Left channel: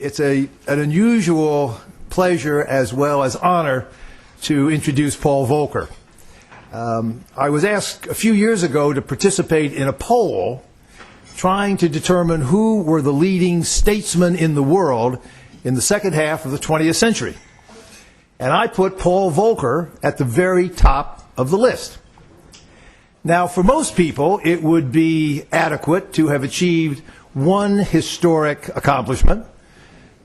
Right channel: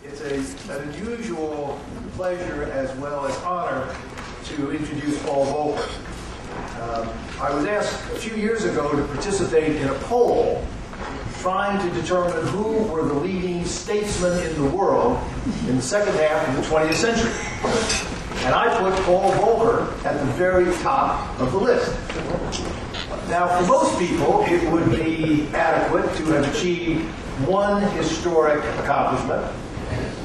It's an unusual pleasure as well as honor to introduce Paul Volcker. I was asked a few years ago to participate in a poll trying to determine who were the leading statesmen in the world in the second half of the 20th century. And I put Paul Volcker at the very top of the list. Now, for most people, it would be adequate to have achieved one historic accomplishment,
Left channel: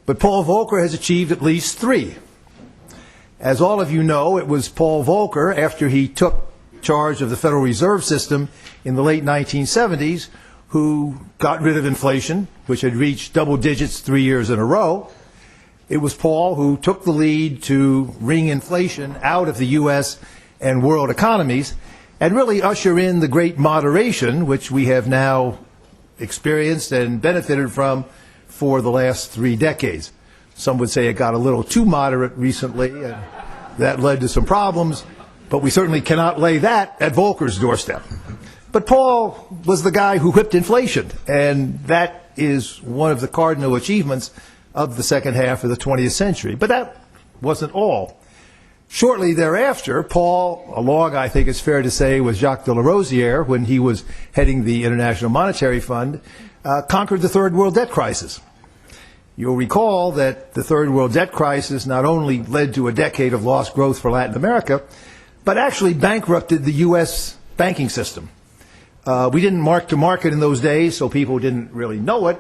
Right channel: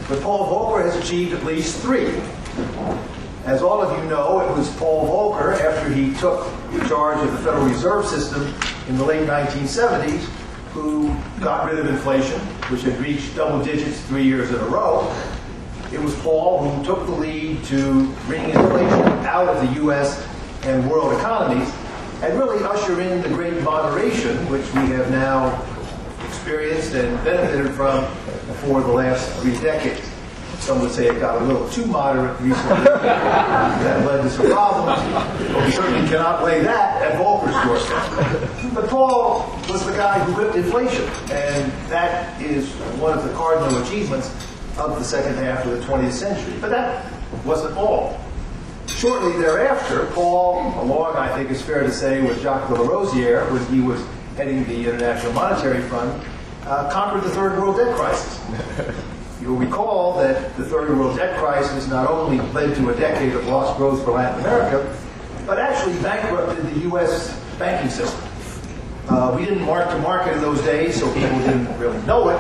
but Paul Volcker has achieved at least three. As all of you know, it was Paul Volcker, after he took charge of the Federal Reserve System in the late 1970s, who got rid of inflation, which had reached double digits 3 years in a row. It was Paul who took the lead to wring inflation out of the U.S. and world economies and really usher in the great moderation, which we have now experienced and benefited from for the last 3 decades. Some would say it got a little too moderate recently. That led to some problems, but we certainly cannot lay that at Volcker's doorstep. But Paul was the guy who whipped inflation, and that is one of the cardinal achievements of the second half of the 20th century. But that wasn't all. Shortly thereafter, Paul, along, I think it's fair to say, with Jacques de Larosière, when he was heading the International Monetary Fund, conquered the third world debt crisis. You'll recall that the third world debt crisis not only led to a decade of lost growth for Latin America, but actually bankrupted the U.S. banking system. We didn't mark to market in those days, so people didn't really know it,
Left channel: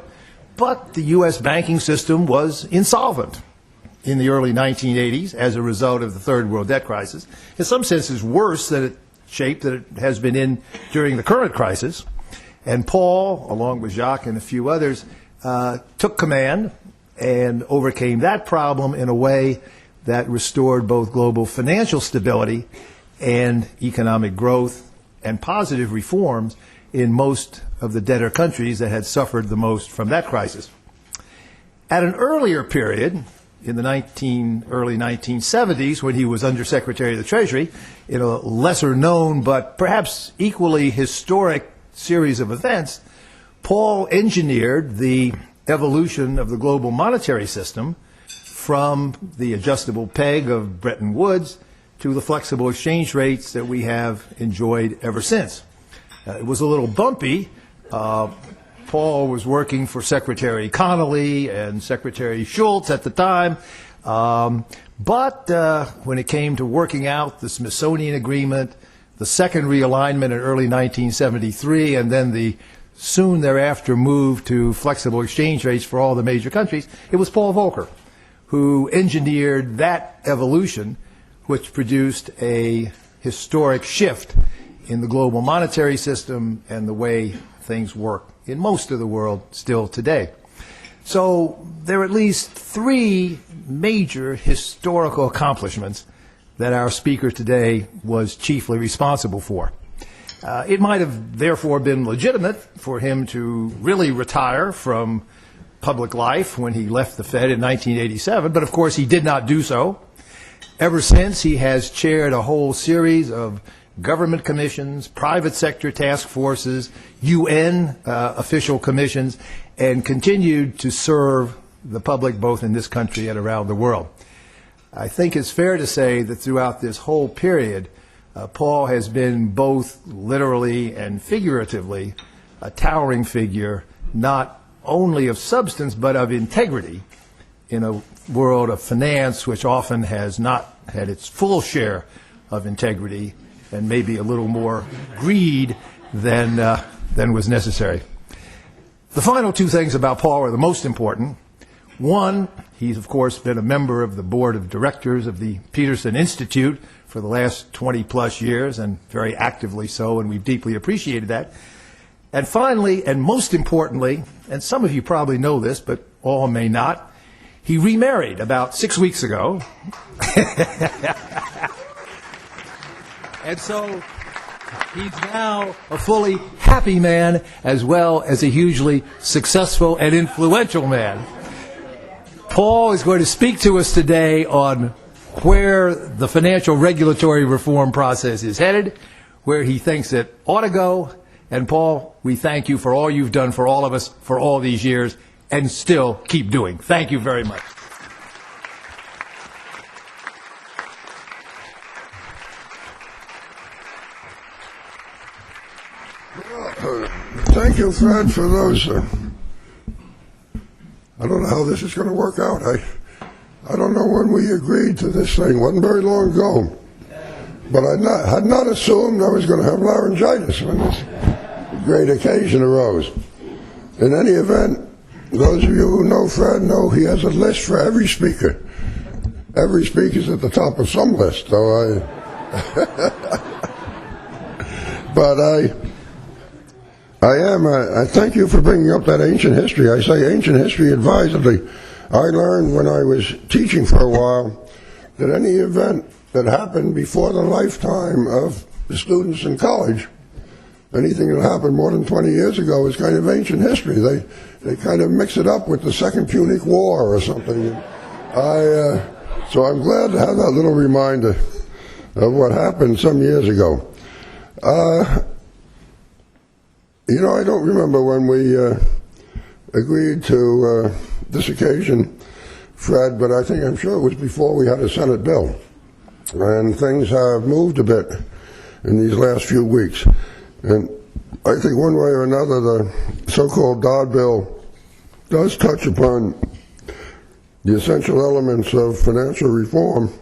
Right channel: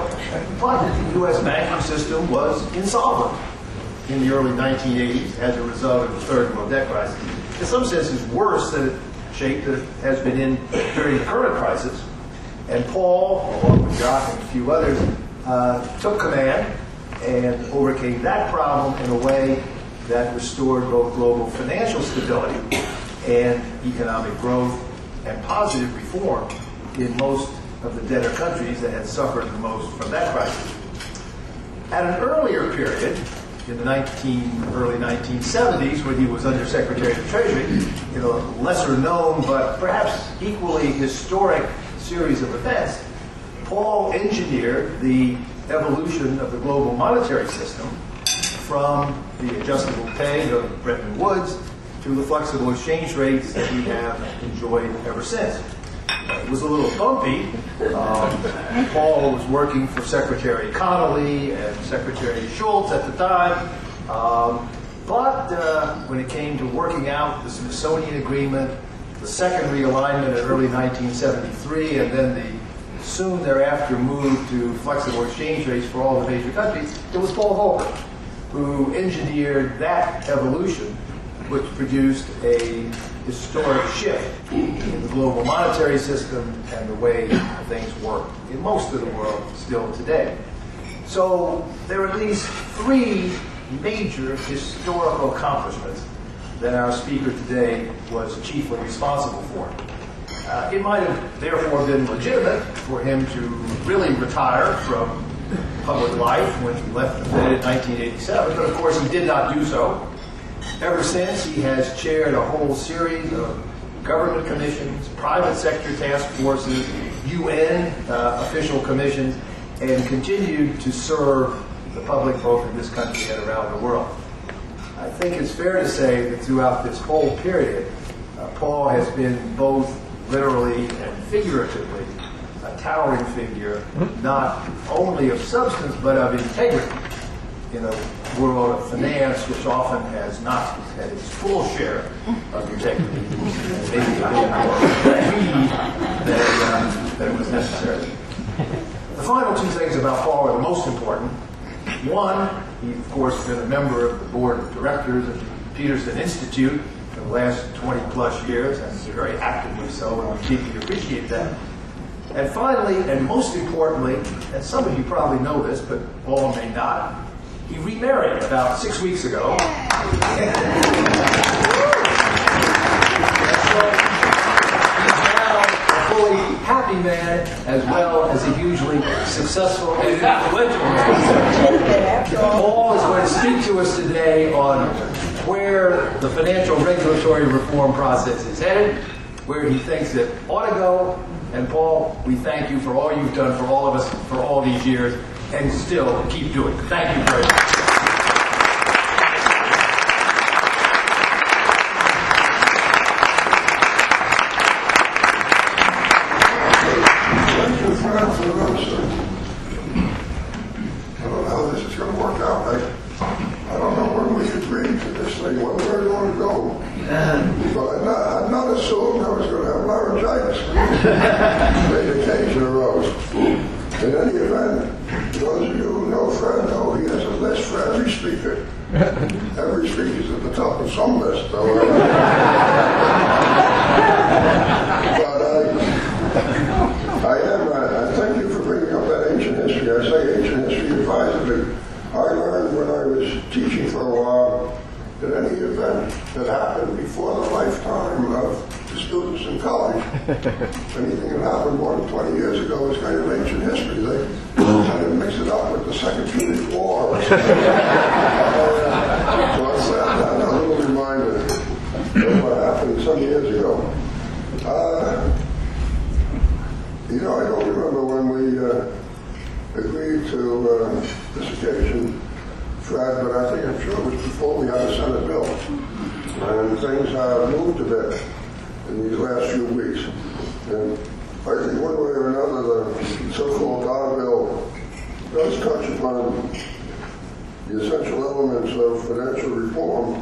but the U.S. banking system was insolvent in the early 1980s as a result of the third world debt crisis. In some senses, worse than the shape that it has been in during the current crisis. And Paul, along with Jacques and a few others, took command and overcame that problem in a way that restored both global financial stability and economic growth and positive reform in most of the debtor countries that had suffered the most from that crisis. At an earlier period, in the early 1970s, when he was Under Secretary of the Treasury, in a lesser known but perhaps equally historic series of events, Paul engineered the evolution of the global monetary system from the adjustable peg of Bretton Woods to the flexible exchange rates that we have enjoyed ever since. It was a little bumpy. Paul was working for Secretary Connolly and Secretary Schultz at the time, but when it came to working out the Smithsonian Agreement, the second realignment in early 1973, and then the soon thereafter move to flexible exchange rates for all the major countries, it was Paul Volcker who engineered that evolution, which produced a historic shift in the global monetary system and the way things work in most of the world still today. So there are at least three major historical accomplishments that our speaker today was chiefly responsible for. It might have therefore been legitimate for him to really retire from public life when he left the Fed in 1987, but of course he did not do so. Ever since, he has chaired a whole series of government commissions, private sector task forces, UN official commissions, and continued to serve the public both in this country and around the world. I think it's fair to say that throughout this whole period, Paul has been both literally and figuratively a towering figure, not only of substance but of integrity in a world of finance which often has not had its full share of integrity and maybe a little more greed than was necessary. The final two things about Paul are the most important. One, he's of course been a member of the board of directors of the Peterson Institute for the last 20 plus years, and very actively so, and we deeply appreciate that. And finally, and most importantly, and some of you probably know this, but all may not, he remarried about 6 weeks ago. And so he's now a fully happy man as well as a hugely successful and influential man. Paul is going to speak to us today on where the financial regulatory reform process is headed, where he thinks it ought to go. And Paul, we thank you for all you've done for all of us for all these years, and still keep doing. Thank you very much. Thank you, Fred, for those. I don't know how this is going to work out. I don't know when we agreed to this thing. It wasn't very long ago. But I had not assumed I was going to have laryngitis when this great occasion arose. In any event, those of you who know Fred know he has a list for every speaker. Every speaker's at the top of some list. So I thank you for bringing up that ancient history. I say ancient history advisedly. I learned when I was teaching for a while that any event that happened before the lifetime of the students in college, anything that happened more than 20 years ago is kind of ancient history. They kind of mix it up with the Second Punic War or something. So I'm glad to have that little reminder of what happened some years ago. I don't remember when we agreed to this occasion, Fred, but I'm sure it was before we had a Senate bill. And things have moved a bit in these last few weeks. And I think one way or another, the so-called Dodd bill does touch upon the essential elements of financial reform.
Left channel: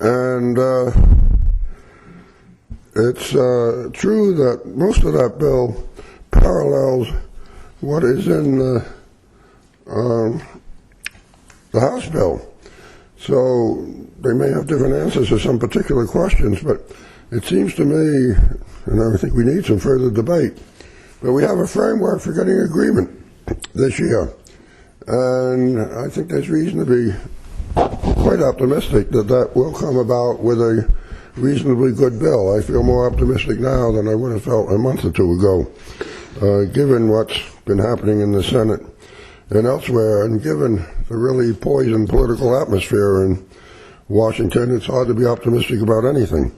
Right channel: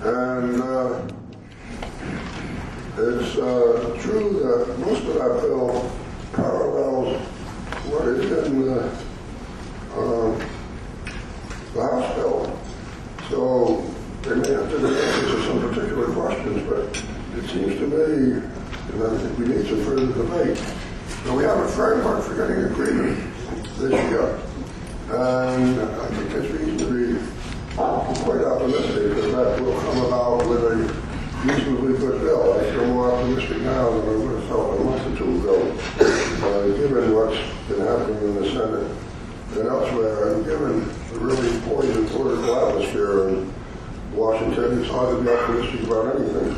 And it's true that most of that bill parallels what is in the House bill. So they may have different answers to some particular questions, but it seems to me, and I think we need some further debate, that we have a framework for getting agreement this year. And I think there's reason to be quite optimistic that that will come about with a reasonably good bill. I feel more optimistic now than I would have felt a month or two ago, given what's been happening in the Senate and elsewhere, and given the really poisoned political atmosphere in Washington. It's hard to be optimistic about anything,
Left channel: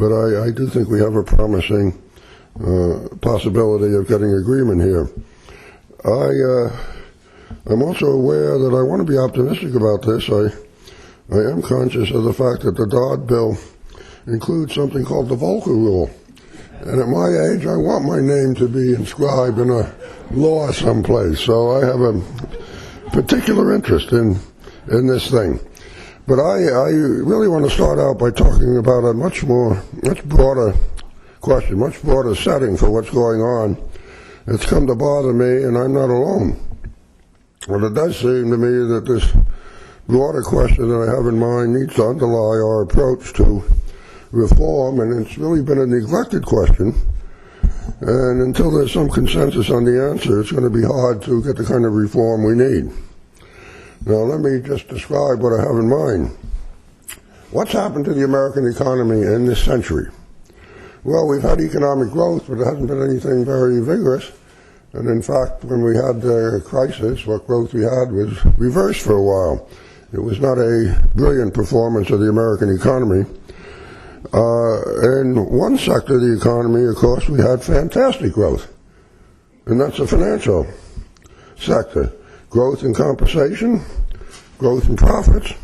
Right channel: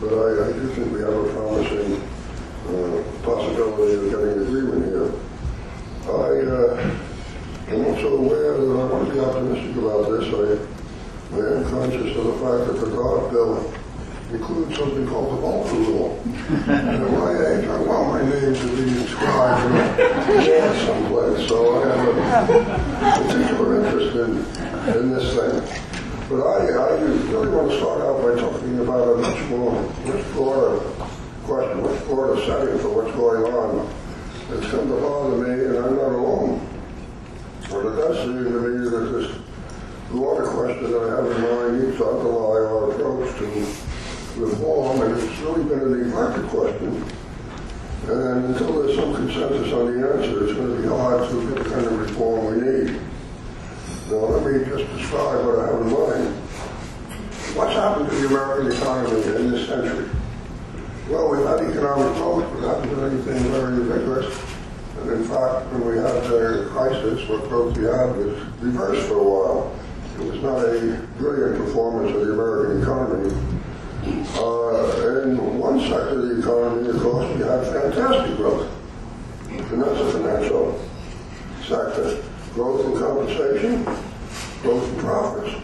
but I do think we have a promising possibility of getting agreement here. I'm also aware that I want to be optimistic about this. I am conscious of the fact that the Dodd bill includes something called the Volcker Rule. And at my age, I want my name to be inscribed in a law someplace. So I have a particular interest in this thing. But I really want to start out by talking about a much broader question, much broader setting for what's going on. It's come to bother me, and I'm not alone. And it does seem to me that this broader question that I have in mind needs to underlie our approach to reform, and it's really been a neglected question. And until there's some consensus on the answer, it's going to be hard to get the kind of reform we need. Now, let me just describe what I have in mind. What's happened to the American economy in this century? Well, we've had economic growth, but there hasn't been anything very vigorous. And in fact, when we had the crisis, what growth we had was reversed for a while. It was not a brilliant performance of the American economy. In one sector of the economy, of course, we had fantastic growth, and that's the financial sector. Growth in compensation, growth in profits.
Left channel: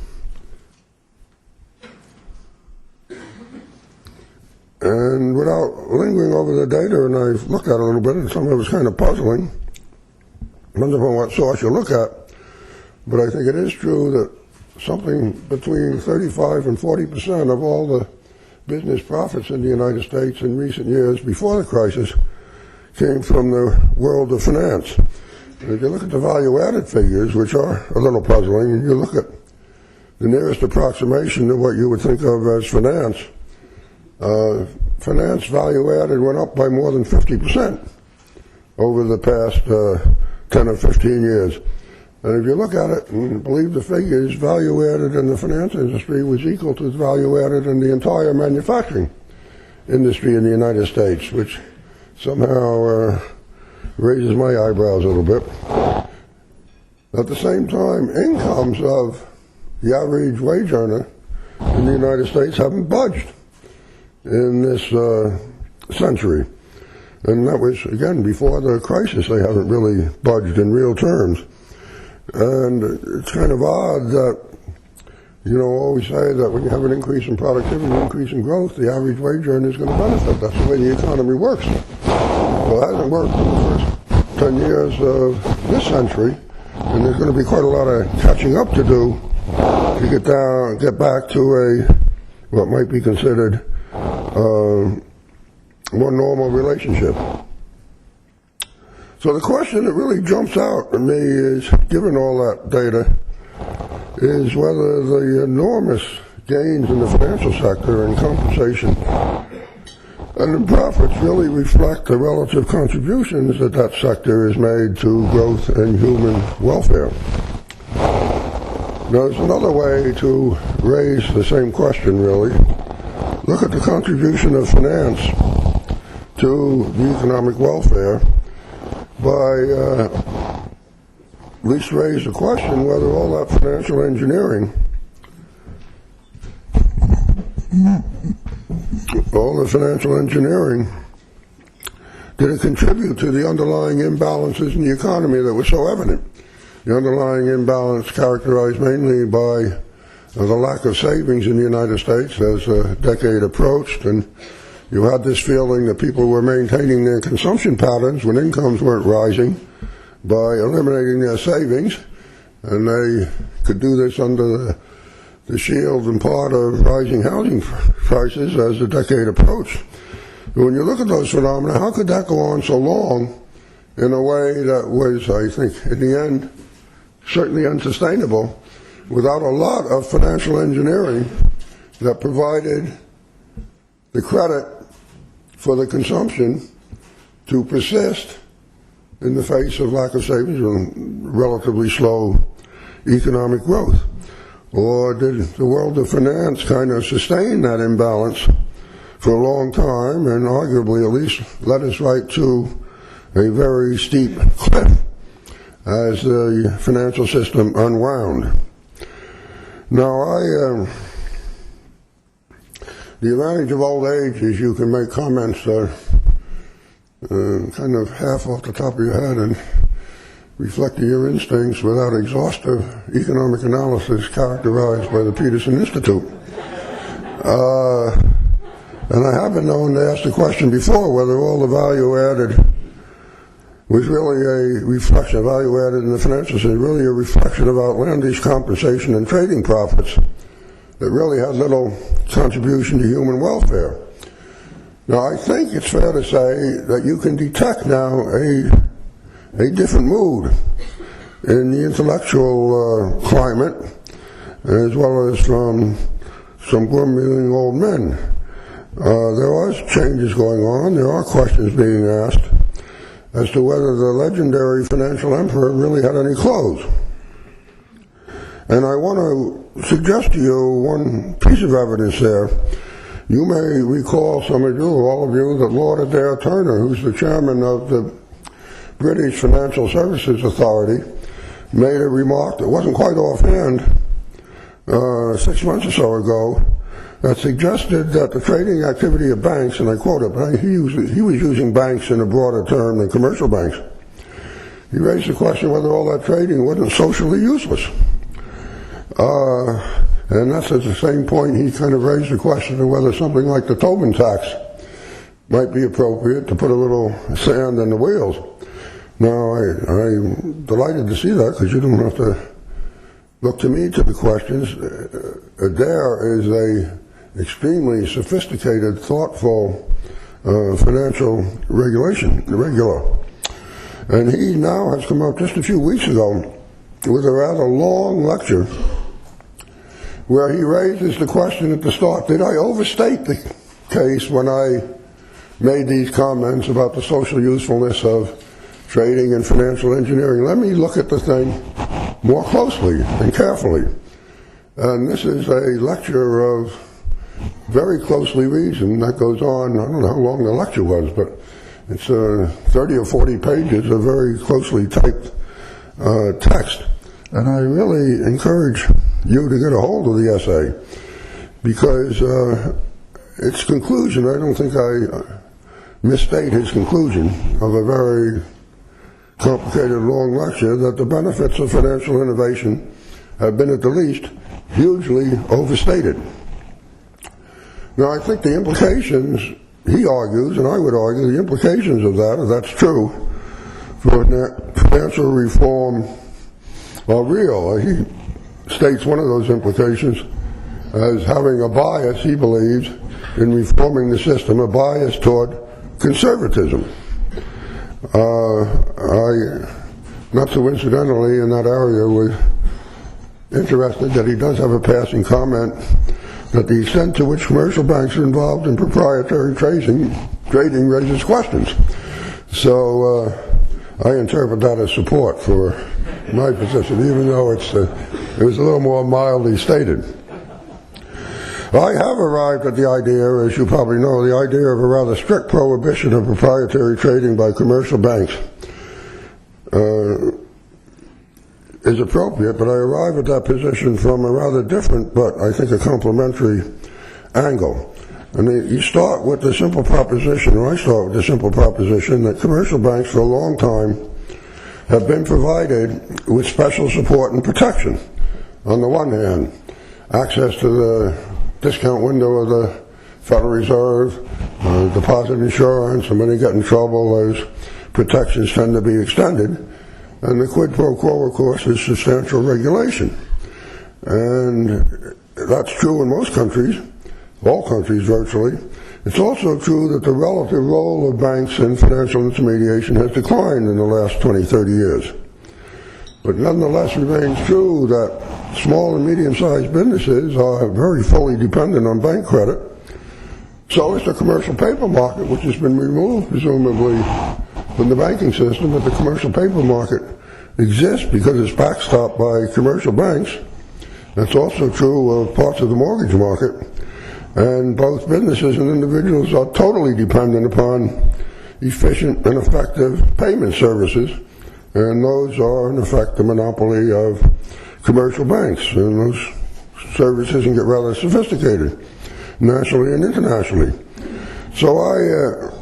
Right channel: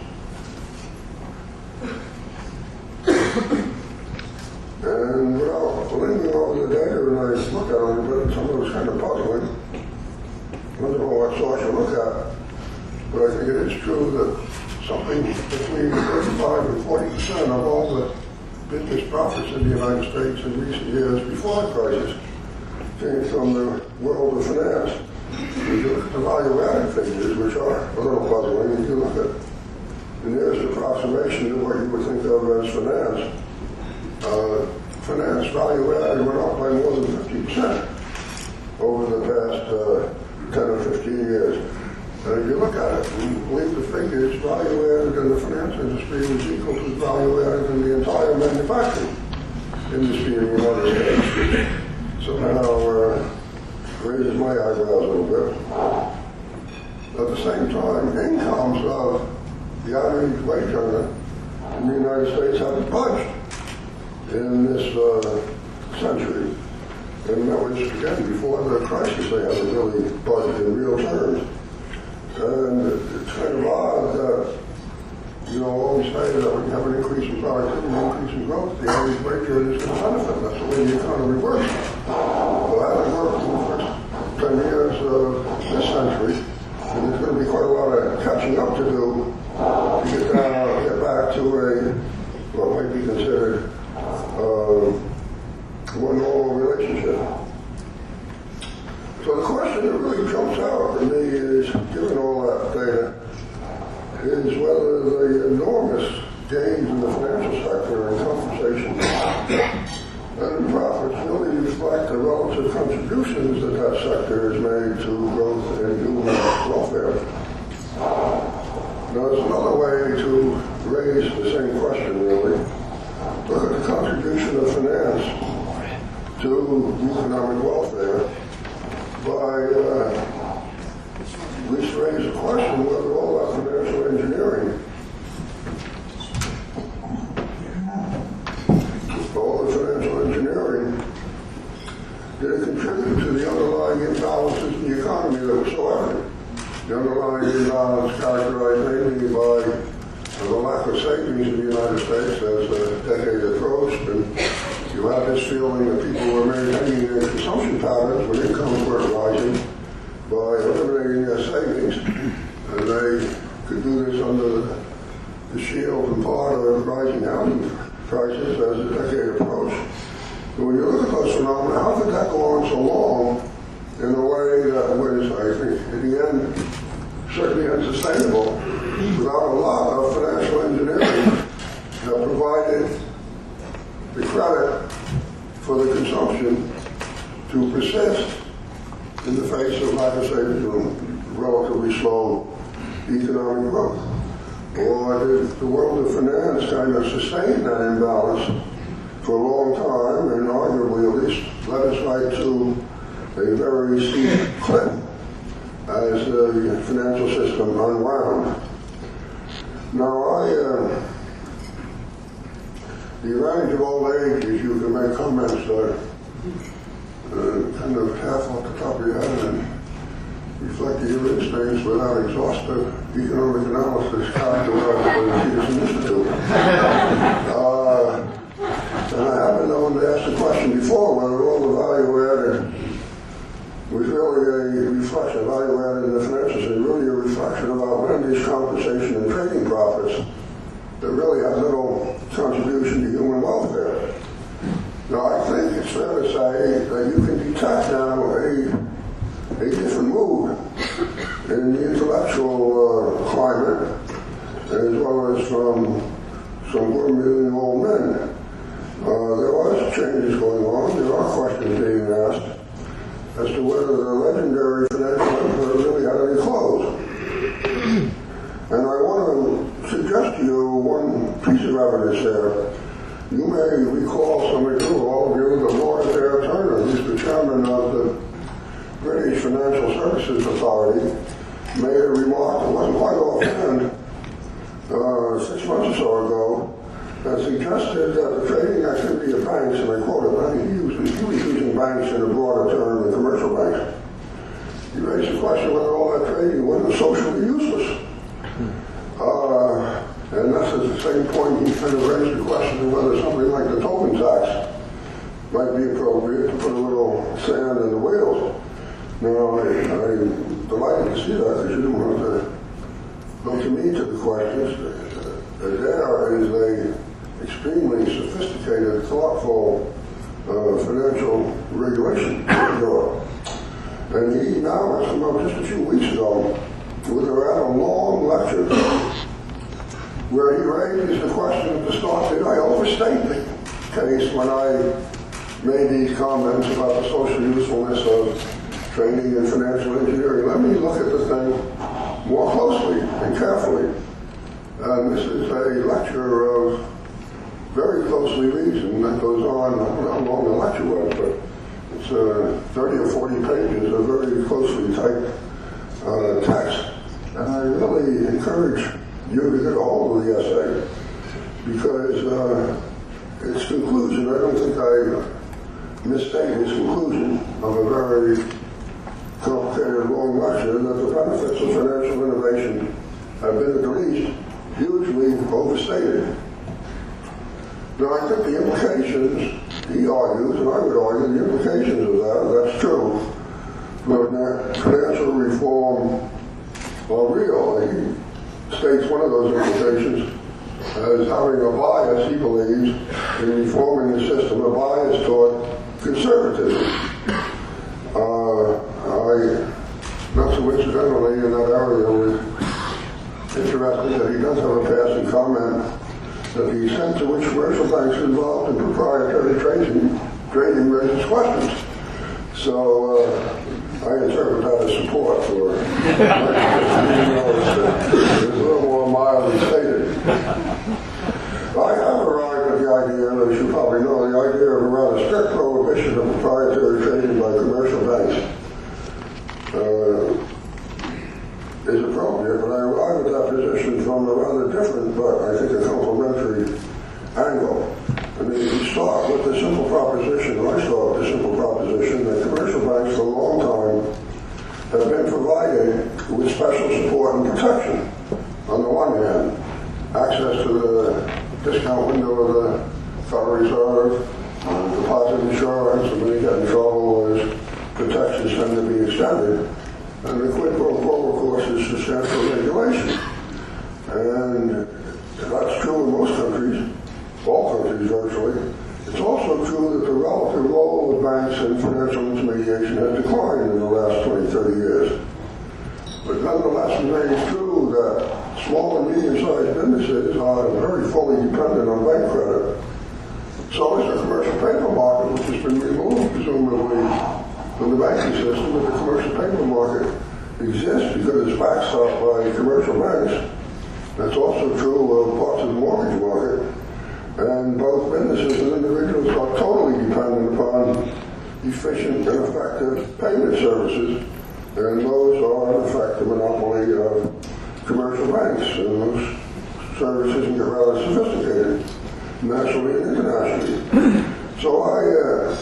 And without lingering over the data, and I looked at it a little bit, and some of it was kind of puzzling. Depends upon what source you look at. But I think it is true that something between 35 and 40% of all the business profits in the United States in recent years before the crisis came from the world of finance. If you look at the value-added figures, which are a little puzzling, and you look at the nearest approximation to what you would think of as finance, finance value-added went up by more than 50% over the past 10 or 15 years. And if you look at it and believe the figures, value-added in the finance industry was equal to value-added in the entire manufacturing industry in the United States, which somehow raises my eyebrows a little bit. At the same time, incomes of the average wage earner in the United States haven't budged in this century. And that was, again, before the crisis. They haven't really budged in real terms. And it's kind of odd that, always say that when you have an increase in productivity, an increase in growth, the average wage earner is going to benefit. That's the way the economy works. Well, that hasn't worked in the first 10 years of this century, and there's going to be quite a lot of catching up to do to get back to what might be considered more normal relationship. So the question that really jumps out at me is, given all that data, is whether the enormous gains in the financial sector and compensation and the profits really reflect the relative contributions that that sector has made to growth and human welfare. Now, there's another way to raise the same question, really. Look at the contribution of finance to the economic welfare by at least raise the question whether all that financial engineering, did it contribute to the underlying imbalances in the economy that were so evident? The underlying imbalance characterized mainly by the lack of savings in the United States as the decade approached, and you had this feeling that people were maintaining their consumption patterns when incomes weren't rising by eliminating their savings, and they could do this under the shield and part of rising housing prices as the decade approached. But when you look at those phenomena, how could that go on so long in a way that was, I think, in the end, certainly unsustainable, without a lot of financial engineering that provided the credit for the consumption to persist in the face of lack of savings and relatively slow economic growth? Or did the world of finance kind of sustain that imbalance for a long time and arguably at least led us right to a very steep cliff as the financial system unwound? Now, the advantage of old age is you can make comments kind of half off the top of your head and reflecting your instincts without exhaustive economic analysis characterized by the Peterson Institute. And I have been known to ask the question before whether all the value added was really a reflection, value added in the financial system, really a reflection of outlandish compensation and trading profits that really has little contribution to human welfare. Now, I think it's fair to say that you can detect now a different mood in the intellectual climate, as well as from some grumbling old men. There was changes going on. There are questions being asked as to whether the legendary financial emperor really had any clothes. And I want to suggest to you one piece of evidence there. You may recall, some of you, all of you, that Lord Adair Turner, who's the chairman of the British Financial Services Authority, made a remark that wasn't quite offhand 6 months or so ago that suggested that the trading activity of banks, and I quote it, he was using banks in a broader term than commercial banks. He raised the question whether all that trading wasn't socially useless. And that's at the same point he kind of raised the question of whether something like the Tobin tax might be appropriate to put a little sand in the wheels. Now, I'm delighted to see that, because you didn't have to look to me to the questions. Adair is a extremely sophisticated, thoughtful financial regular. And he now has come up just a few weeks ago with a rather long lecture where he raises the question at the start, did I overstate the case when I made these comments about the social usefulness of trading and financial engineering? Let me look at the thing more closely and carefully. And this is a lecture of very closely reasoned that goes on, I don't know how long the lecture was, but it's 30 or 40 pages of very closely typed text. And I really encourage you to get a hold of the essay, because its conclusion, I don't think I misstate his conclusion of a very complicated, long lecture that the benefits of financial innovation have been, at the least, hugely overstated. Now, I think the implications, he argues, and I would argue, the implications of that, if that's true, for financial reform are real. He states one of those implications as having a bias, he believes, in reforming the system, a bias toward conservatism. I, not so incidentally, in that area, was interested that he does have a passing comment that the extent to which commercial banks are involved in proprietary trading raises questions. So I interpret that as support for my position, even though it was a little more mildly stated. I have arrived at the idea, as you probably know, the idea of a rather strict prohibition of proprietary trading by commercial banks is appropriate, but I arrive at that position from a rather different, but I think a complementary angle. And you start with the simple proposition, or I start with the simple proposition, that commercial banks for a long time have been provided with special support and protection. On the one hand, access to the discount window of the Federal Reserve, deposit insurance, and when they get in trouble, those protections tend to be extended. And the quid pro quo, of course, is substantial regulation. And that's true in most countries, all countries virtually. It's also true that the relative role of banks in financial intermediation has declined in the last 20, 30 years. But nonetheless remains true that small and medium-sized businesses are very fully dependent on bank credit. So is the commercial paper market, which has been removed, presumably, from the banking system, but the commercial paper market exists because it's backstopped by commercial banks. That's also true of parts of the mortgage market. And both businesses and individuals are totally dependent upon efficient and effective payment services, and those are, in effect, the monopoly of commercial banks. And those services can get rather sophisticated, nationally and internationally. So I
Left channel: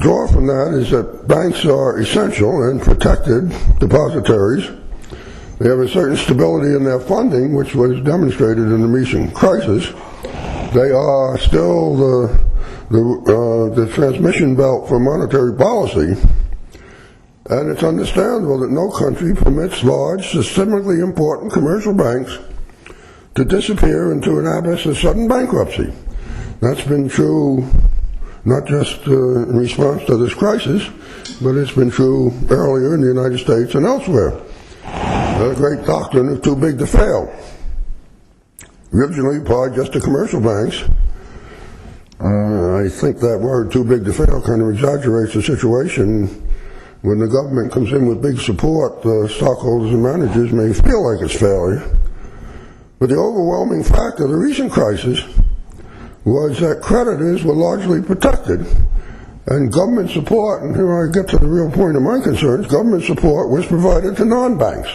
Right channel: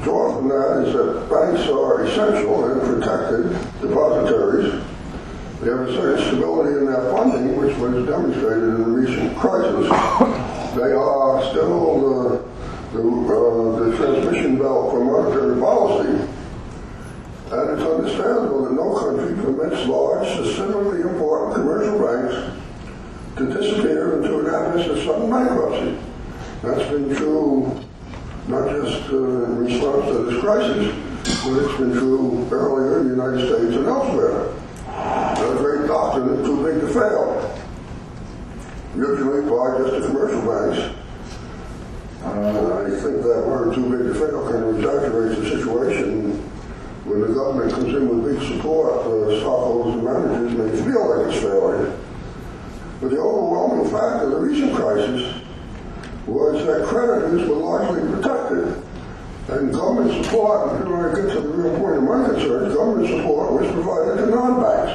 draw from that is that banks are essential and protected depositories. They have a certain stability in their funding, which was demonstrated in the recent crisis. They are still the transmission belt for monetary policy. And it's understandable that no country permits large, systemically important commercial banks to disappear into an abyss of sudden bankruptcy. That's been true not just in response to this crisis, but it's been true earlier in the United States and elsewhere. The great doctrine of too big to fail, originally applied just to commercial banks. I think that word too big to fail kind of exaggerates the situation. When the government comes in with big support, the stockholders and managers may feel like it's failing. But the overwhelming fact of the recent crisis was that creditors were largely protected, and government support, and here I get to the real point of my concerns, government support was provided to non-banks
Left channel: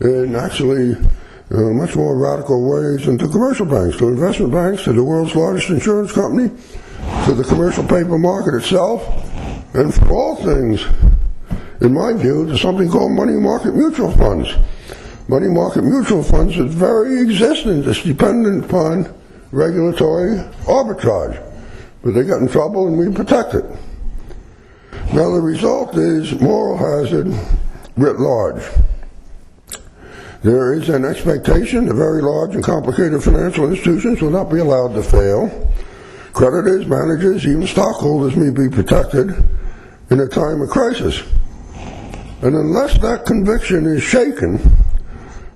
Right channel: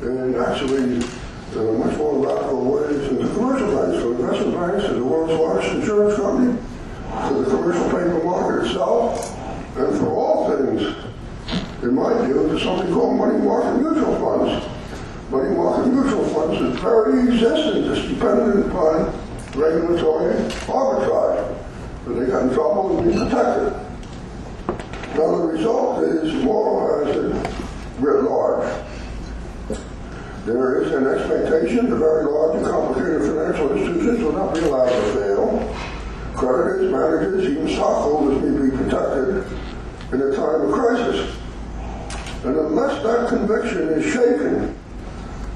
in actually much more radical ways than to commercial banks, to investment banks, to the world's largest insurance company, to the commercial paper market itself, and for all things, in my view, to something called money market mutual funds. Money market mutual funds' very existence is dependent upon regulatory arbitrage, but they get in trouble and we protect it. Now the result is moral hazard writ large. There is an expectation that very large and complicated financial institutions will not be allowed to fail. Creditors, managers, even stockholders may be protected in a time of crisis. And unless that conviction is shaken,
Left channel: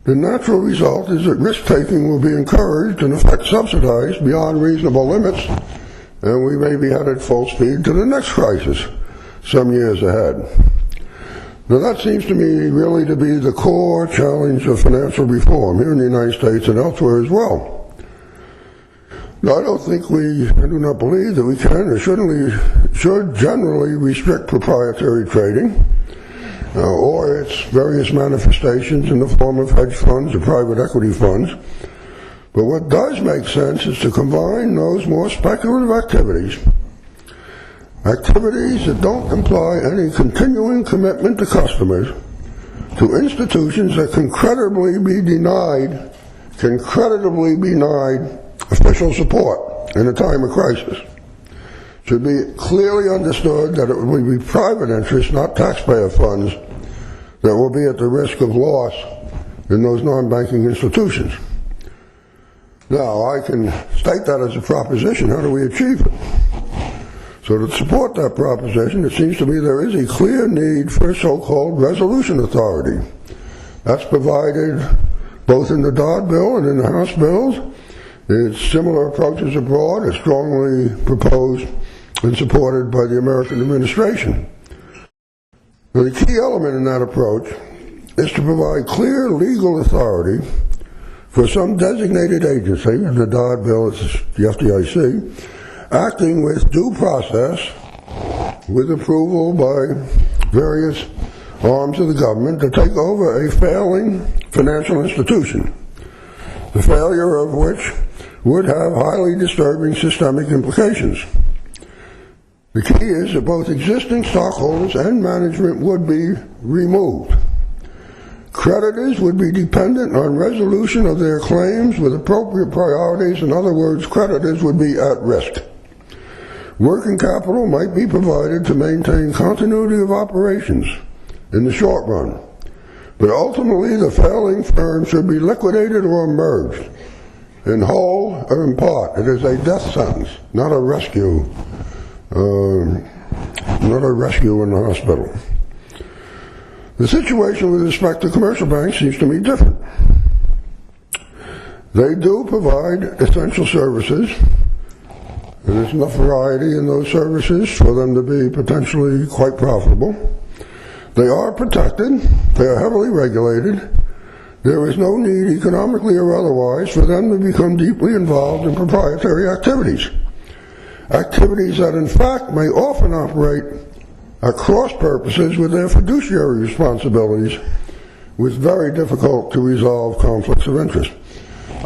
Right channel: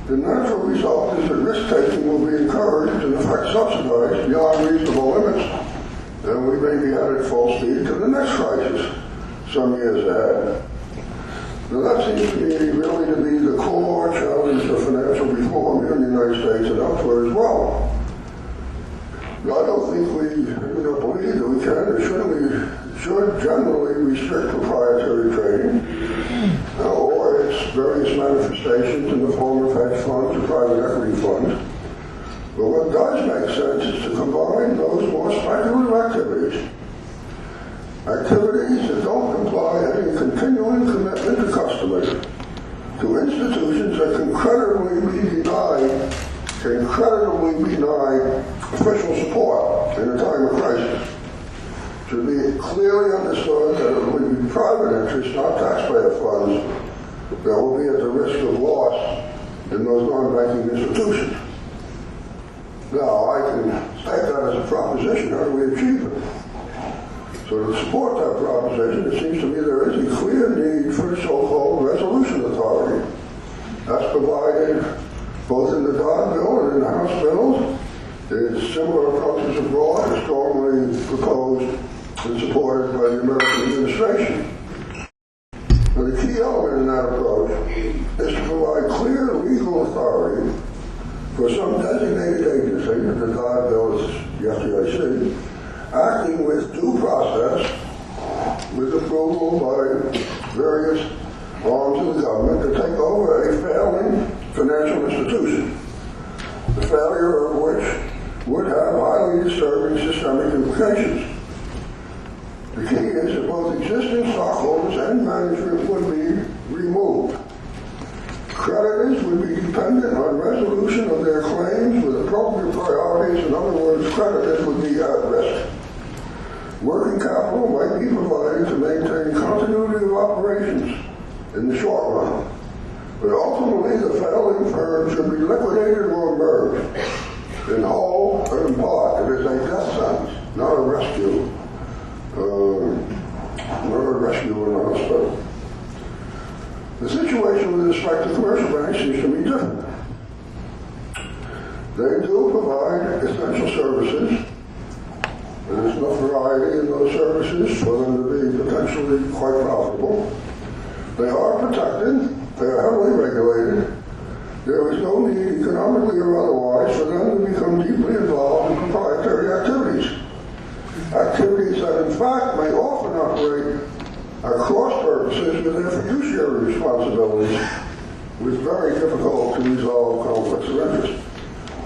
the natural result is that risk-taking will be encouraged and in fact subsidized beyond reasonable limits, and we may be headed full speed to the next crisis some years ahead. Now that seems to me really to be the core challenge of financial reform here in the United States and elsewhere as well. Now I do not believe that we can or should generally restrict proprietary trading or its various manifestations in the form of hedge funds or private equity funds. But what does make sense is to combine those more speculative activities activities that don't imply any continuing commitment to customers, to institutions that can creditably be denied official support in a time of crisis. It should be clearly understood that it would be private interests, not taxpayer funds, that will be at the risk of loss in those non-banking institutions. Now, I can state that as a proposition. How do we achieve it? So to support that proposition, it seems to me there is a clear need for a so-called resolution authority. That's provided both in the Dodd Bill and in the House bills. It's similar approaches abroad are strongly proposed and supported by the American administration. Now, the key element in that approach is to provide clear legal authority for some designated agency, in the Dodd Bill it's the FDIC, acting with due process, with approval by various arms of the government, to take over a failing financial institution, the failure of which would have highly disturbing systemic implications. The key is that both existing stockholders and management would be removed. Creditors would be dependent on resolution of their claims with appropriate priorities. In other words, creditors would be at risk. Working capital might be provided to maintain continuity of operations in the short run, but ultimately the failing firm should be liquidated or merged, in whole or in part. It is a death sentence, not a rescue. Not a rescue in the hospital. The situation with respect to commercial banks seems to be different. They do provide essential services. There's enough variety in those services for them to be potentially quite profitable. They are protected. They are heavily regulated. There is no need, economically or otherwise, for them to become deeply involved in proprietary activities. Activities that in fact may often operate at cross purposes with their fiduciary responsibilities, was very difficult to resolve conflicts of interest.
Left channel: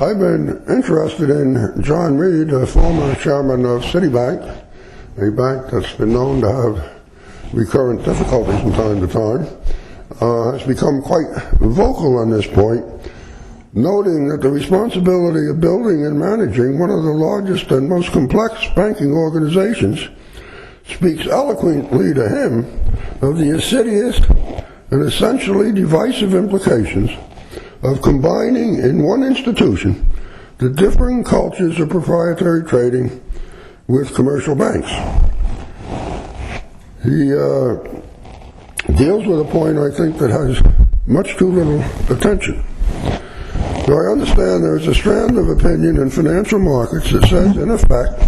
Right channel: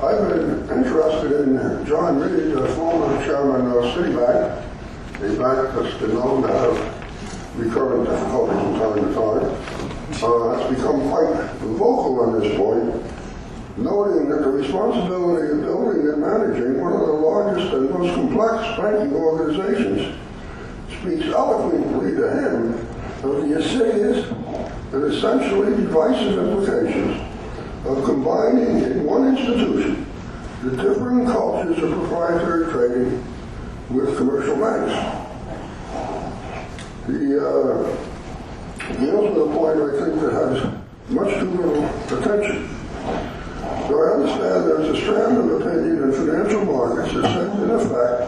I've been interested in John Reed, the former chairman of Citibank, a bank that's been known to have recurrent difficulties from time to time, has become quite vocal on this point, noting that the responsibility of building and managing one of the largest and most complex banking organizations speaks eloquently to him of the insidious and essentially divisive implications of combining in one institution the differing cultures of proprietary trading with commercial banks. He deals with a point, I think, that has much too little attention. So I understand there's a strand of opinion in financial markets that says, in effect,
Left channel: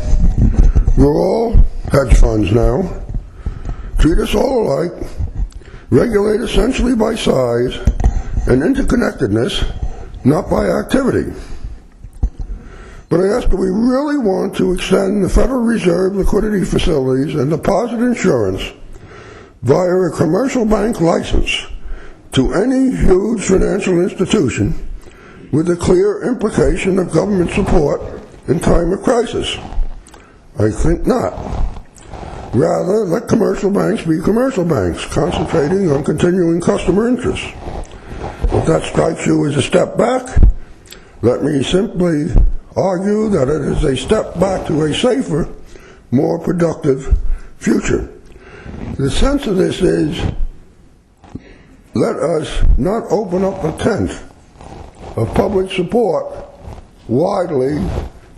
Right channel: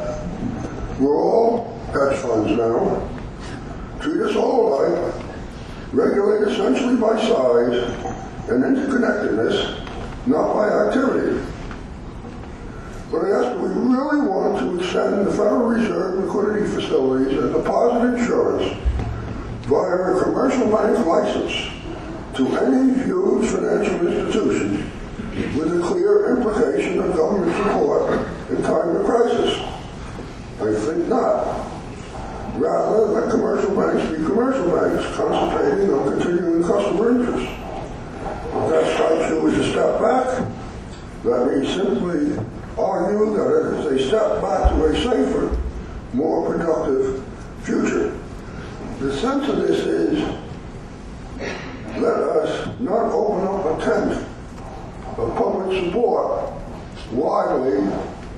we're all hedge funds now, treat us all alike, regulate essentially by size and interconnectedness, not by activity. But I ask, do we really want to extend the Federal Reserve liquidity facilities and deposit insurance via a commercial bank license to any huge financial institution with the clear implication of government support in time of crisis? I think not. Rather, let commercial banks be commercial banks, concentrating on continuing customer interests. If that strikes you as a step back, let me simply argue that it is a step back to a safer, more productive future. The sense of this is, let us not open up a tent of public support widely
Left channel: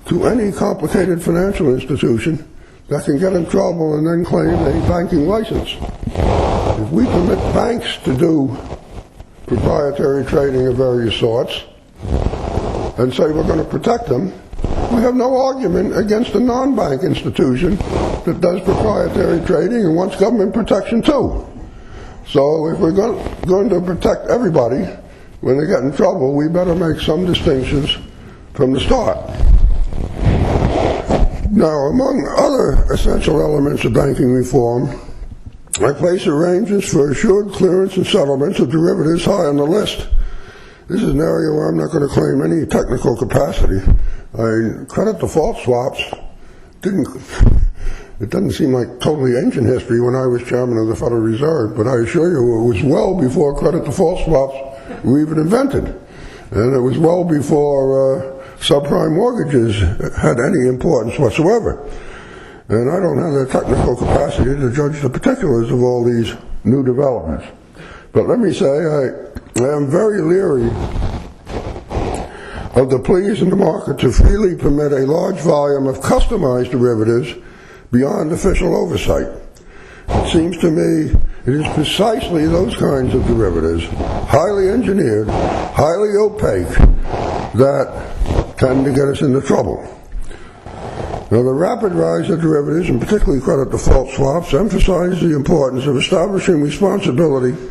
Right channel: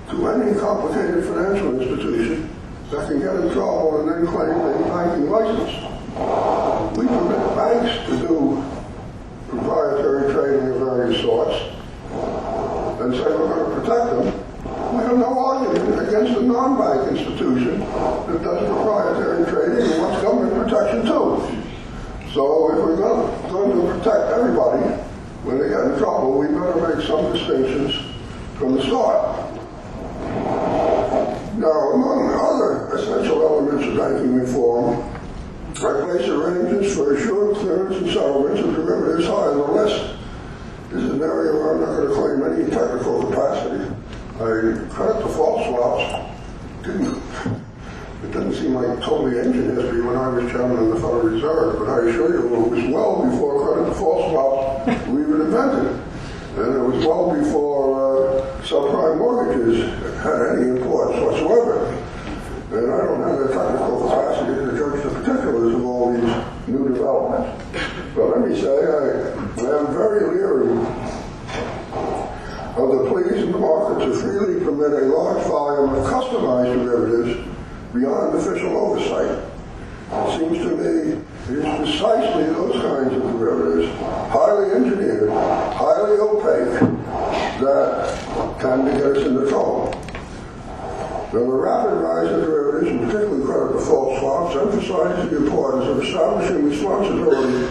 to any complicated financial institution that can get in trouble and then claim a banking license. If we permit banks to do proprietary trading of various sorts and say we're going to protect them, we have no argument against a non-bank institution that does proprietary trading and wants government protection too. So if we're going to protect everybody when they get in trouble, we better make some distinctions from the start. Now, among other essential elements of banking reform, I place arrangements for assured clearance and settlements of derivatives high on the list. This is an area where I'm not going to claim any technical capacity. Credit default swaps didn't It doesn't seem like totally ancient history when I was chairman of the Federal Reserve, but I assure you it was well before credit default swaps were even invented. And it was well before subprime mortgages had any importance whatsoever. And I don't have the technical capacity to judge the particulars of all these new developments. But let me say, I am very leery of the pleas in the market to freely permit a large volume of customized derivatives beyond official oversight. It seems to me it is precisely those kinds of derivatives, highly engineered, highly opaque, that tend to get us into trouble. Now, the rapid rise of derivatives, and particularly credit default swaps, emphasize the importance of establishing responsibility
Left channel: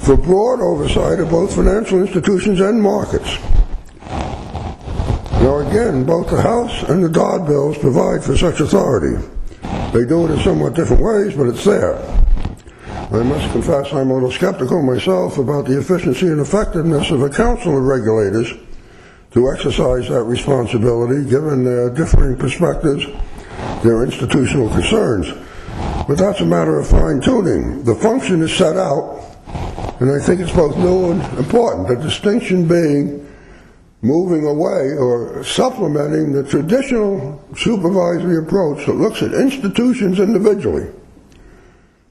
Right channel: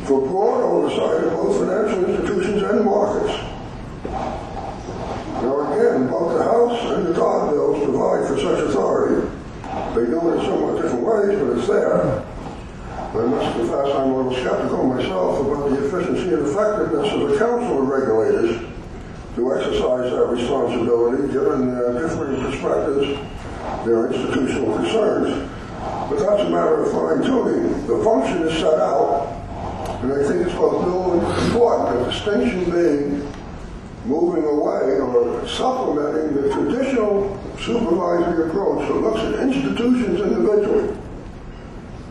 for broad oversight of both financial institutions and markets. Now again, both the House and the Dodd bills provide for such authority. They do it in somewhat different ways, but it's there. I must confess I'm a little skeptical myself about the efficiency and effectiveness of a council of regulators to exercise that responsibility, given their differing perspectives, their institutional concerns. But that's a matter of fine-tuning. The function is set out, and I think it's both new and important, the distinction being moving away or supplementing the traditional supervisory approach that looks at institutions individually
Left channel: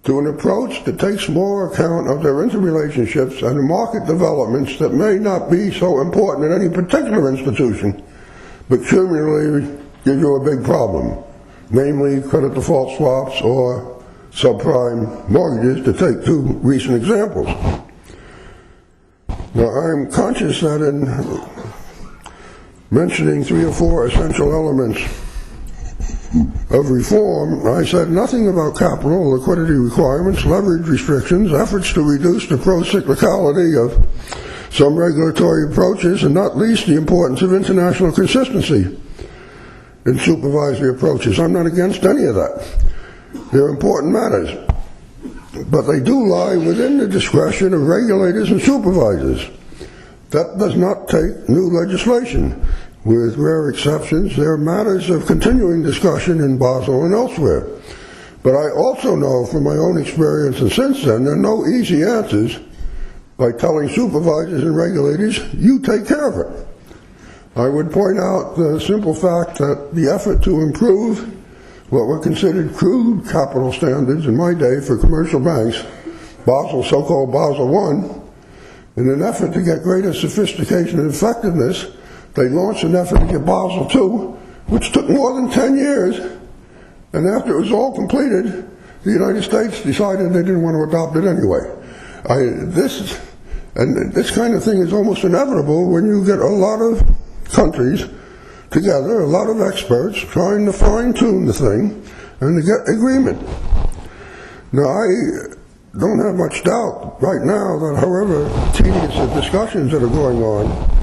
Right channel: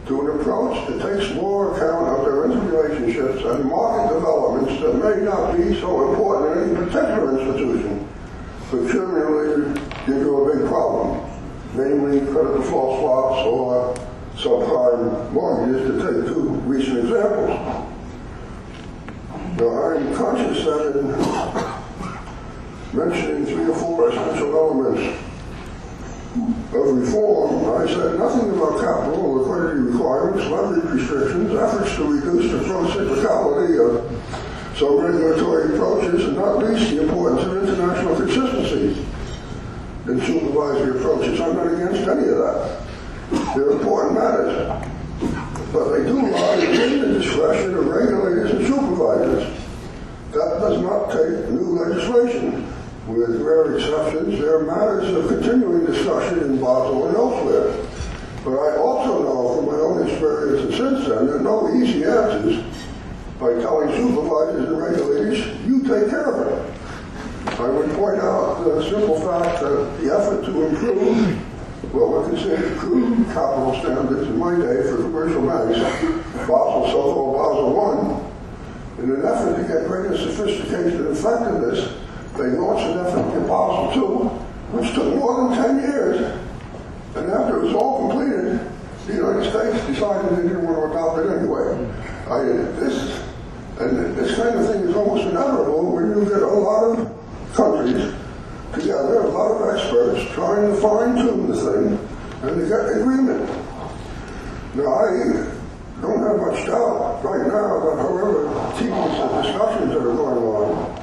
to an approach that takes more account of their interrelationships and market developments that may not be so important in any particular institution, but cumulatively give you a big problem, namely credit default swaps or subprime mortgages, to take two recent examples. Now, I'm conscious that in mentioning 3 or 4 essential elements of reform, I said nothing about capital, liquidity requirements, leverage restrictions, efforts to reduce the pro-cyclicality of some regulatory approaches, and not least the importance of international consistency in supervisory approaches. I'm not against any of that. They're important matters. But they do lie within the discretion of regulators and supervisors. That does not take new legislation. With rare exceptions, there are matters of continuing discussion in Basel and elsewhere. But I also know from my own experience, and since then, there are no easy answers by telling supervisors and regulators, you take care of it. I would point out the simple fact that the effort to improve what were considered crude capital standards in my day for commercial banks, Basel, so-called Basel I, in an effort to get greater sophistication and effectiveness, they launched an effort to get Basel II, which took more than 10 years. And after it was all completed, the United States decided they didn't want to adopt it anyway. This kind of thing is almost inevitable when you get a lot of countries together, a lot of experts trying to fine-tune the thing and to get agreement. Now, I don't have much doubt right now that however tedious the discussions that are going on,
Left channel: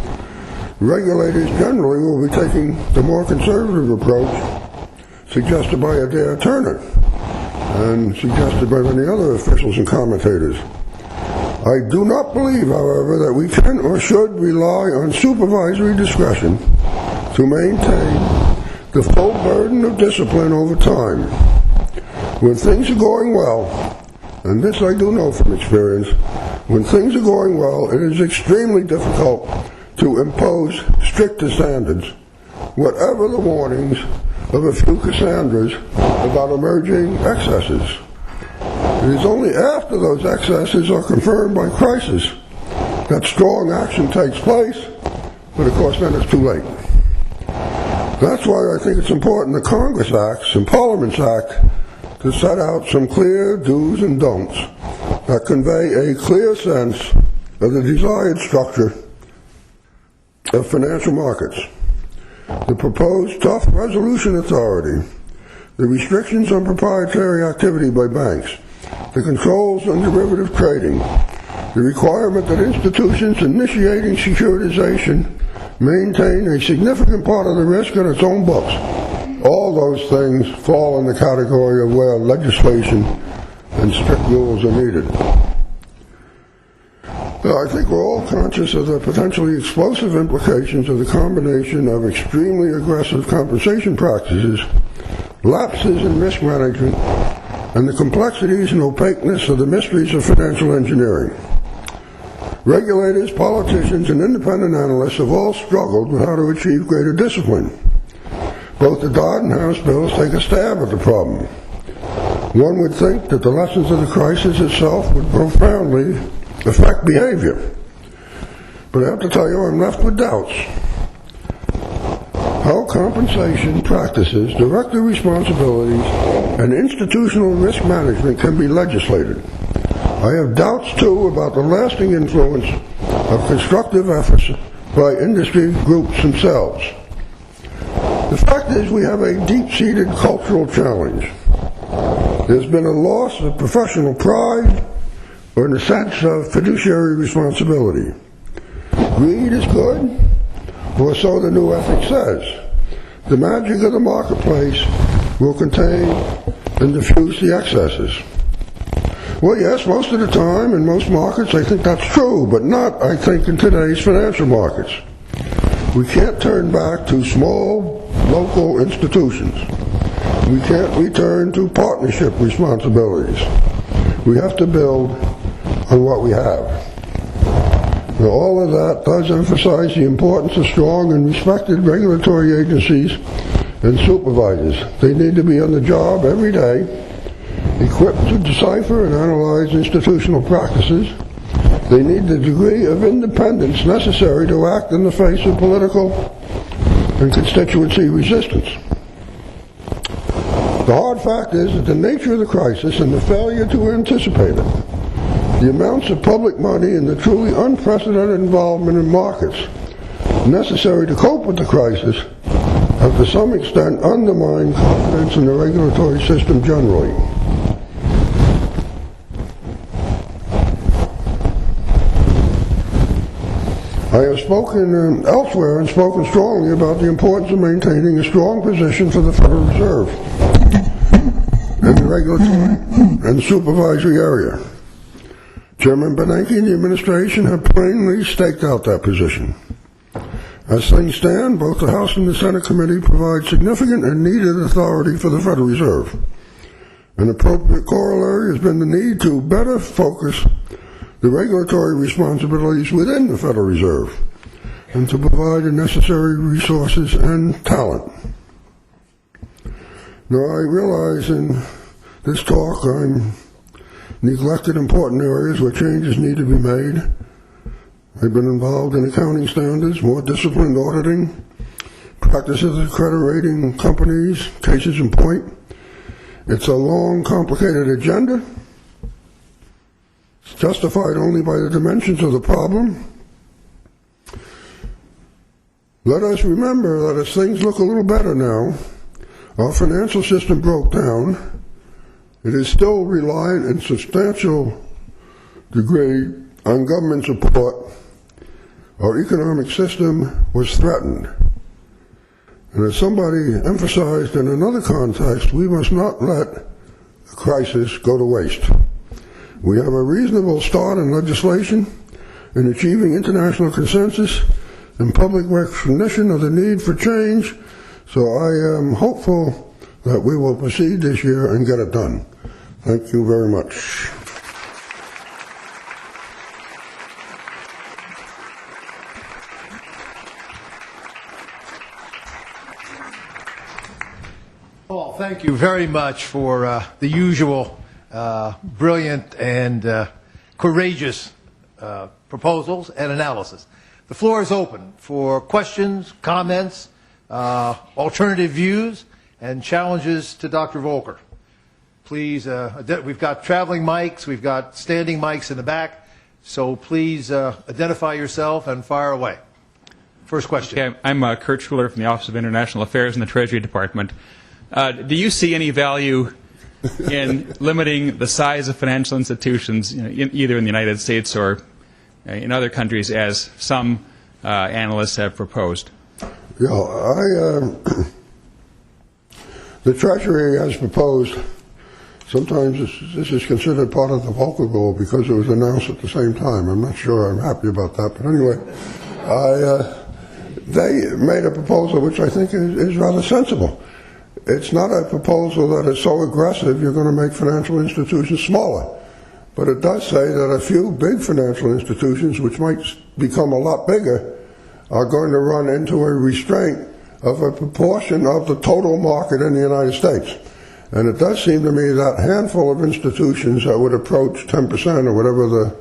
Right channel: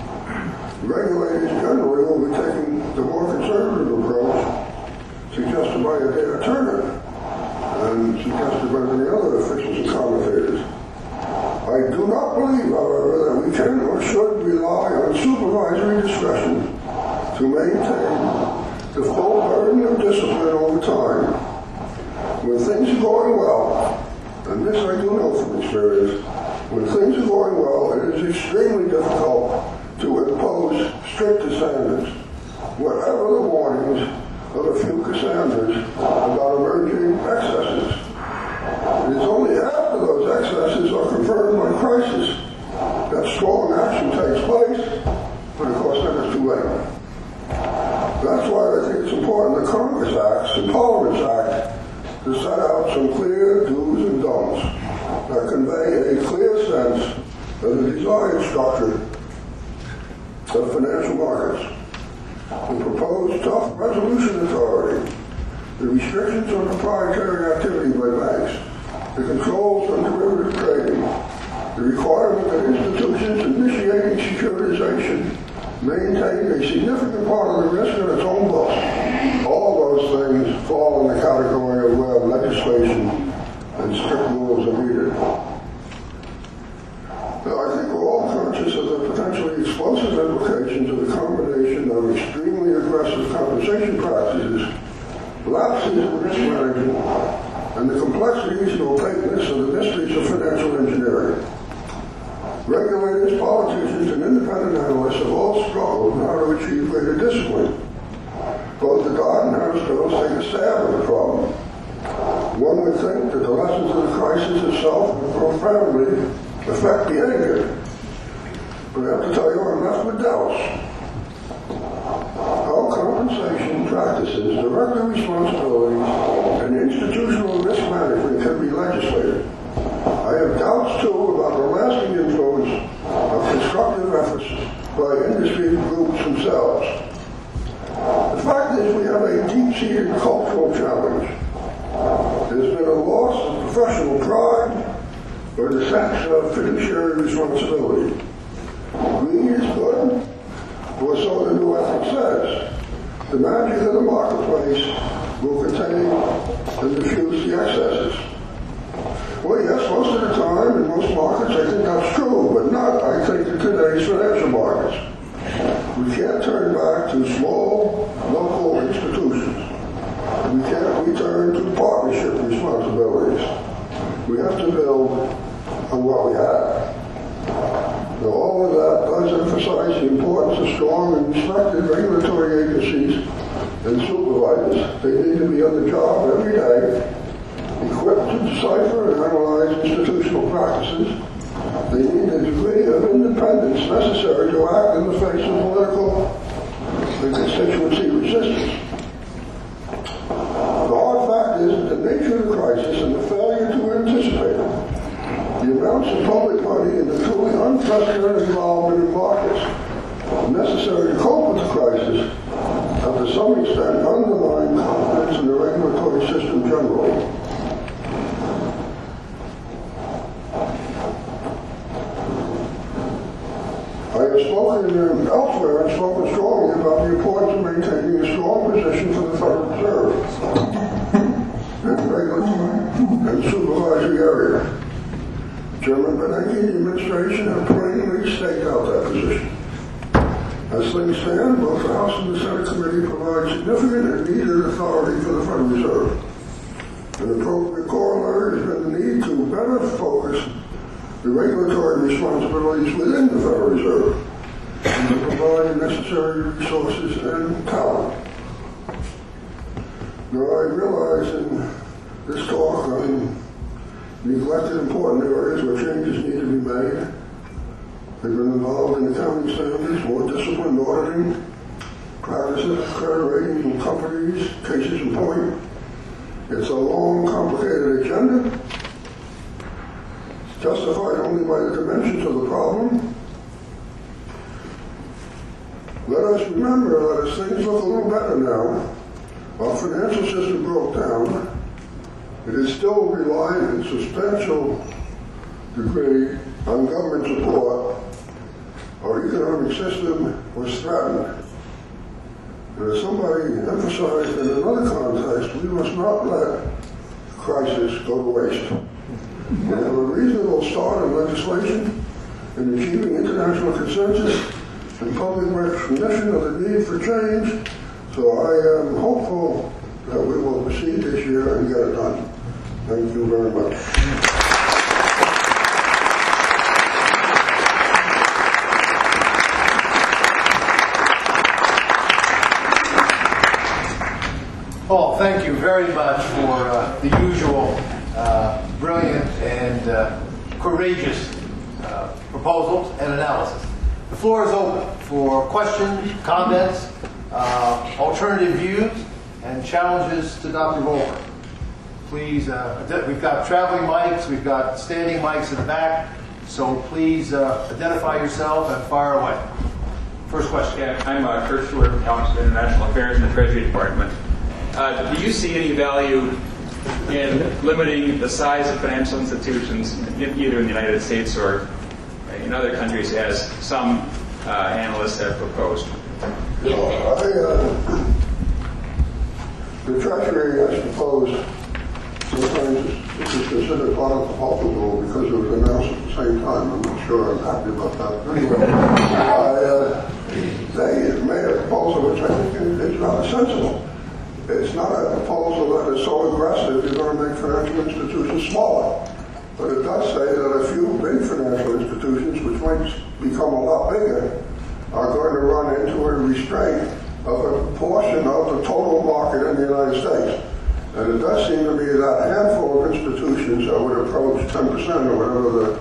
regulators generally will be taking the more conservative approach suggested by Adair Turner and suggested by many other officials and commentators. I do not believe, however, that we can or should rely on supervisory discretion to maintain the full burden of discipline over time. When things are going well, and this I do know from experience, when things are going well, it is extremely difficult to impose stricter standards, whatever the warnings of a few Cassandras about emerging excesses. It is only after those excesses are confirmed by crisis that strong action takes place, but of course then it's too late. That's why I think it's important that Congress acts and Parliaments act to set out some clear do's and don'ts that convey a clear sense of the desired structure of financial markets. The proposed tough resolution authority, the restrictions on proprietary activity by banks, the controls on derivative trading, the requirement that institutions initiating securitization maintain a significant part of the risk in its own books. All those things fall in the category of where legislation and strict rules are needed. Now, I think we're all conscious of the potentially explosive implications of the combination of extremely aggressive compensation practices lapses in risk management, and the complexities and opaqueness of the mysteries of financial engineering. Regulators, politicians, and independent analysts have all struggled with how to achieve greater discipline. Both the Dodd and House bills take a stab at the problem. One would think that the lessons of the crisis itself would profoundly affect behavior. But I have to tell you, I'm left with doubts. How compensation practices, director responsibilities, and institutional risk management can be legislated. I have doubts, too, about the lasting influence of constructive efforts by industry groups themselves. The fact is we have a deep-seated cultural challenge. There's been a loss of professional pride or the sense of fiduciary responsibility. Greed is good, or so the new ethic says. The magic of the marketplace will contain and diffuse the excesses. Well, yes, most of the time in most markets I think that's true, but not, I think, in today's financial markets. We can't turn back to small, local institutions. We can't return to partnership responsibilities. We have to build on what we have. Now, all of that does emphasize the importance of strong and respected regulatory agencies and supervisors. They need to be on the job every day, equipped to decipher and analyze institutional practices. They need the degree of independence necessary to act in the face of political and constituency resistance. The hard fact is that the nature of the crisis and the failure to anticipate it, the amounts of public money and the truly unprecedented involvement in markets necessary to cope with the crisis have to some extent undermined confidence in the regulatory system generally. I have spoken elsewhere and spoken strongly about the importance of maintaining a strong position for the Federal Reserve in the regulatory and supervisory area. Chairman Bernanke and the administration have plainly staked out that position. As things stand, both the House and the Senate committee provide significant and needed authority for the Federal Reserve. An appropriate corollary has been the need to better focus the regulatory responsibilities within the Federal Reserve and to provide the necessary resources and talent. Now, I realize in this talk I'm neglected important areas where changes need to be made. I've been involved in accounting standards, more disciplined auditing, practices of credit rating companies, cases in point. It's a long, complicated agenda. It's justified only by the dimensions of the problem. Let us remember that as things look a little better now, our financial system broke down. It is still reliant in substantial degree on government support. Our economic system was threatened. And as somebody emphasized in another context, we must not let the crisis go to waste. We have a reasonable start in legislation, in achieving international consensus, and public recognition of the need for change. So I am hopeful that we will proceed this year and get it done. Thank you very much. Paul, thank you very much for the usual brilliant and courageous proposals and analysis. The floor is open for questions, comments, alternative views, and challenges to Dr. Volcker. Please, we've got traveling mics, we've got standing mics in the back, so please identify yourself and fire away. First question. Yeah, I'm Kurt Schuller from the Office of International Affairs in the Treasury Department. Do you see any value in limiting the size of financial institutions, either in the United States or in other countries, as some analysts have proposed? You know, the Treasury has proposed, sometimes this is considered part of the Volcker Rule because it was announced at the same time. I'm not sure I'm happy about that. But anyway, they made a proposal which I think is rather sensible. it's not a proposal that is so aggressive you're going to make financial institutions smaller. But it does say that a few big financial institutions, which might become a lot bigger, are going to run into a restraint of a proportion of the total market in the United States. And it does seem to me that handful of institutions that would approach 10% or whatever the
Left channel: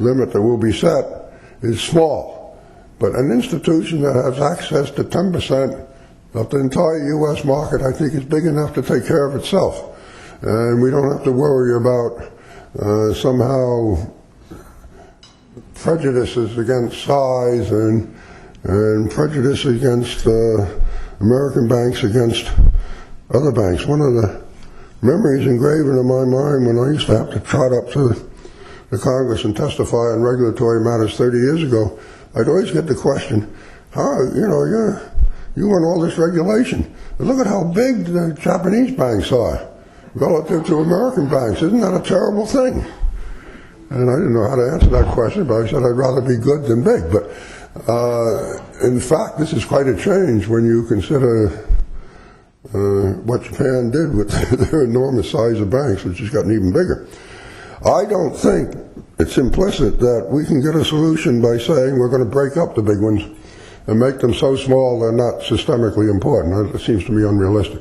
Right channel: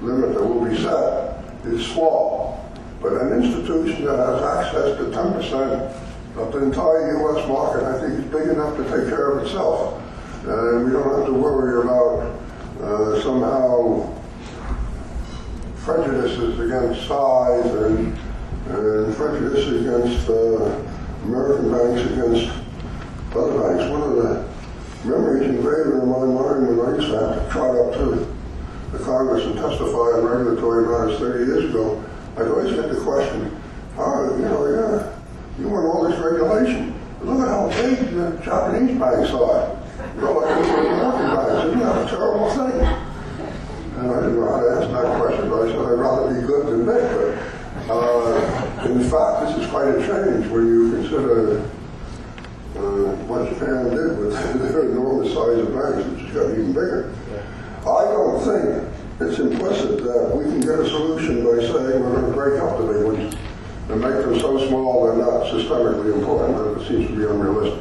limit that will be set is small. But an institution that has access to 10% of the entire U.S. market, I think, is big enough to take care of itself. And we don't have to worry about somehow prejudices against size and prejudice against American banks against other banks. One of the memories engraven in my mind when I used to have to trot up to the Congress and testify on regulatory matters 30 years ago, I'd always get the question, you want all this regulation. And look at how big the Japanese banks are relative to American banks. Isn't that a terrible thing? And I didn't know how to answer that question, but I said I'd rather be good than big. But in fact, this is quite a change when you consider what Japan did with their enormous size of banks, which has gotten even bigger. I don't think it's implicit that we can get a solution by saying we're going to break up the big ones and make them so small they're not systemically important. That seems to be unrealistic.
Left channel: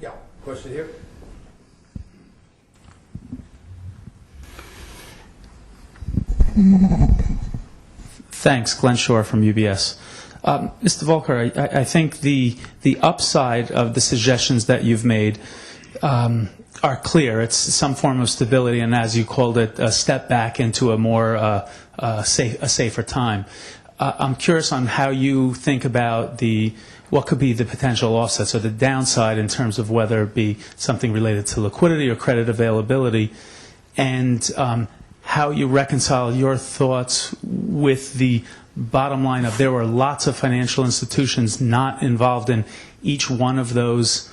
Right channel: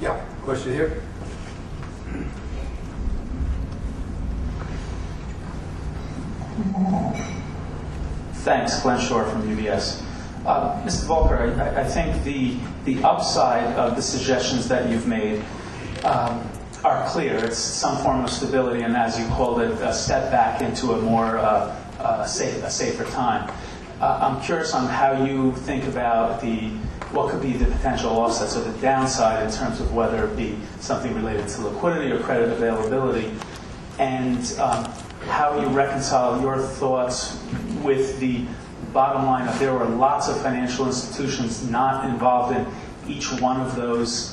Yeah, question here. Thanks, Glenn Shore from UBS. Mr. Volcker, I think the upside of the suggestions that you've made are clear. It's some form of stability, and as you called it, a step back into a more a safer time. I'm curious on how you think about what could be the potential offsets or the downside in terms of whether it be something related to liquidity or credit availability, and how you reconcile your thoughts with the bottom line of there were lots of financial institutions not involved in each one of those,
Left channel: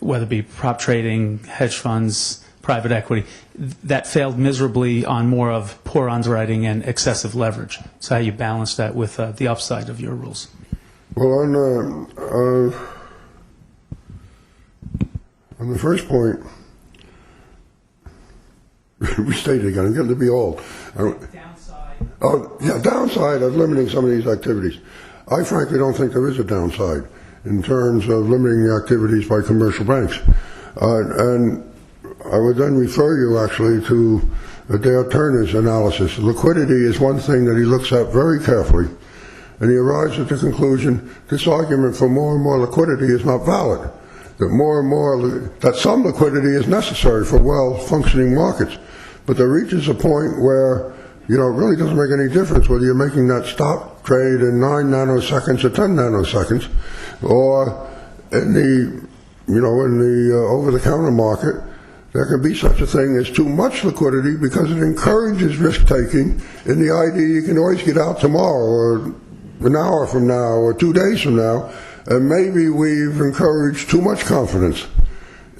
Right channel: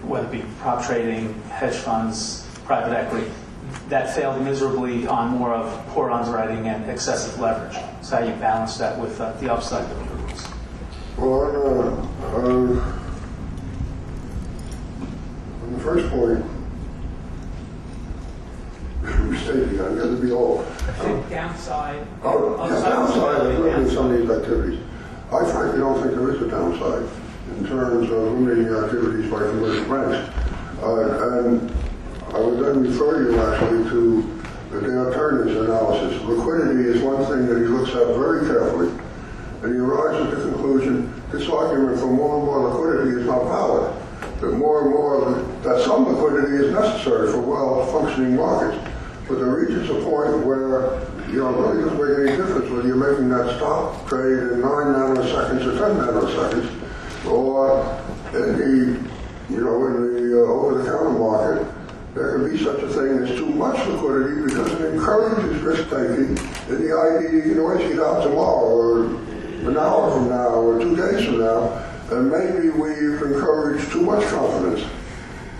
whether it be prop trading, hedge funds, private equity, that failed miserably on more of poor underwriting and excessive leverage. So how you balance that with the upside of your rules? Well, on the first point, restate it again. I'm getting to be old. Downside. Downside of limiting some of these activities. I frankly don't think there is a downside in terms of limiting activities by commercial banks. And I would then refer you actually to Dale Turner's analysis. Liquidity is one thing that he looks at very carefully, and he arrives at the conclusion this argument for more and more liquidity is not valid. That some liquidity is necessary for well-functioning markets. But there reaches a point where it really doesn't make any difference whether you're making that stop trade in 9 nanoseconds or 10 nanoseconds, or in the over-the-counter market. There could be such a thing as too much liquidity because it encourages risk-taking in the idea you can always get out tomorrow or an hour from now or 2 days from now, and maybe we've encouraged too much confidence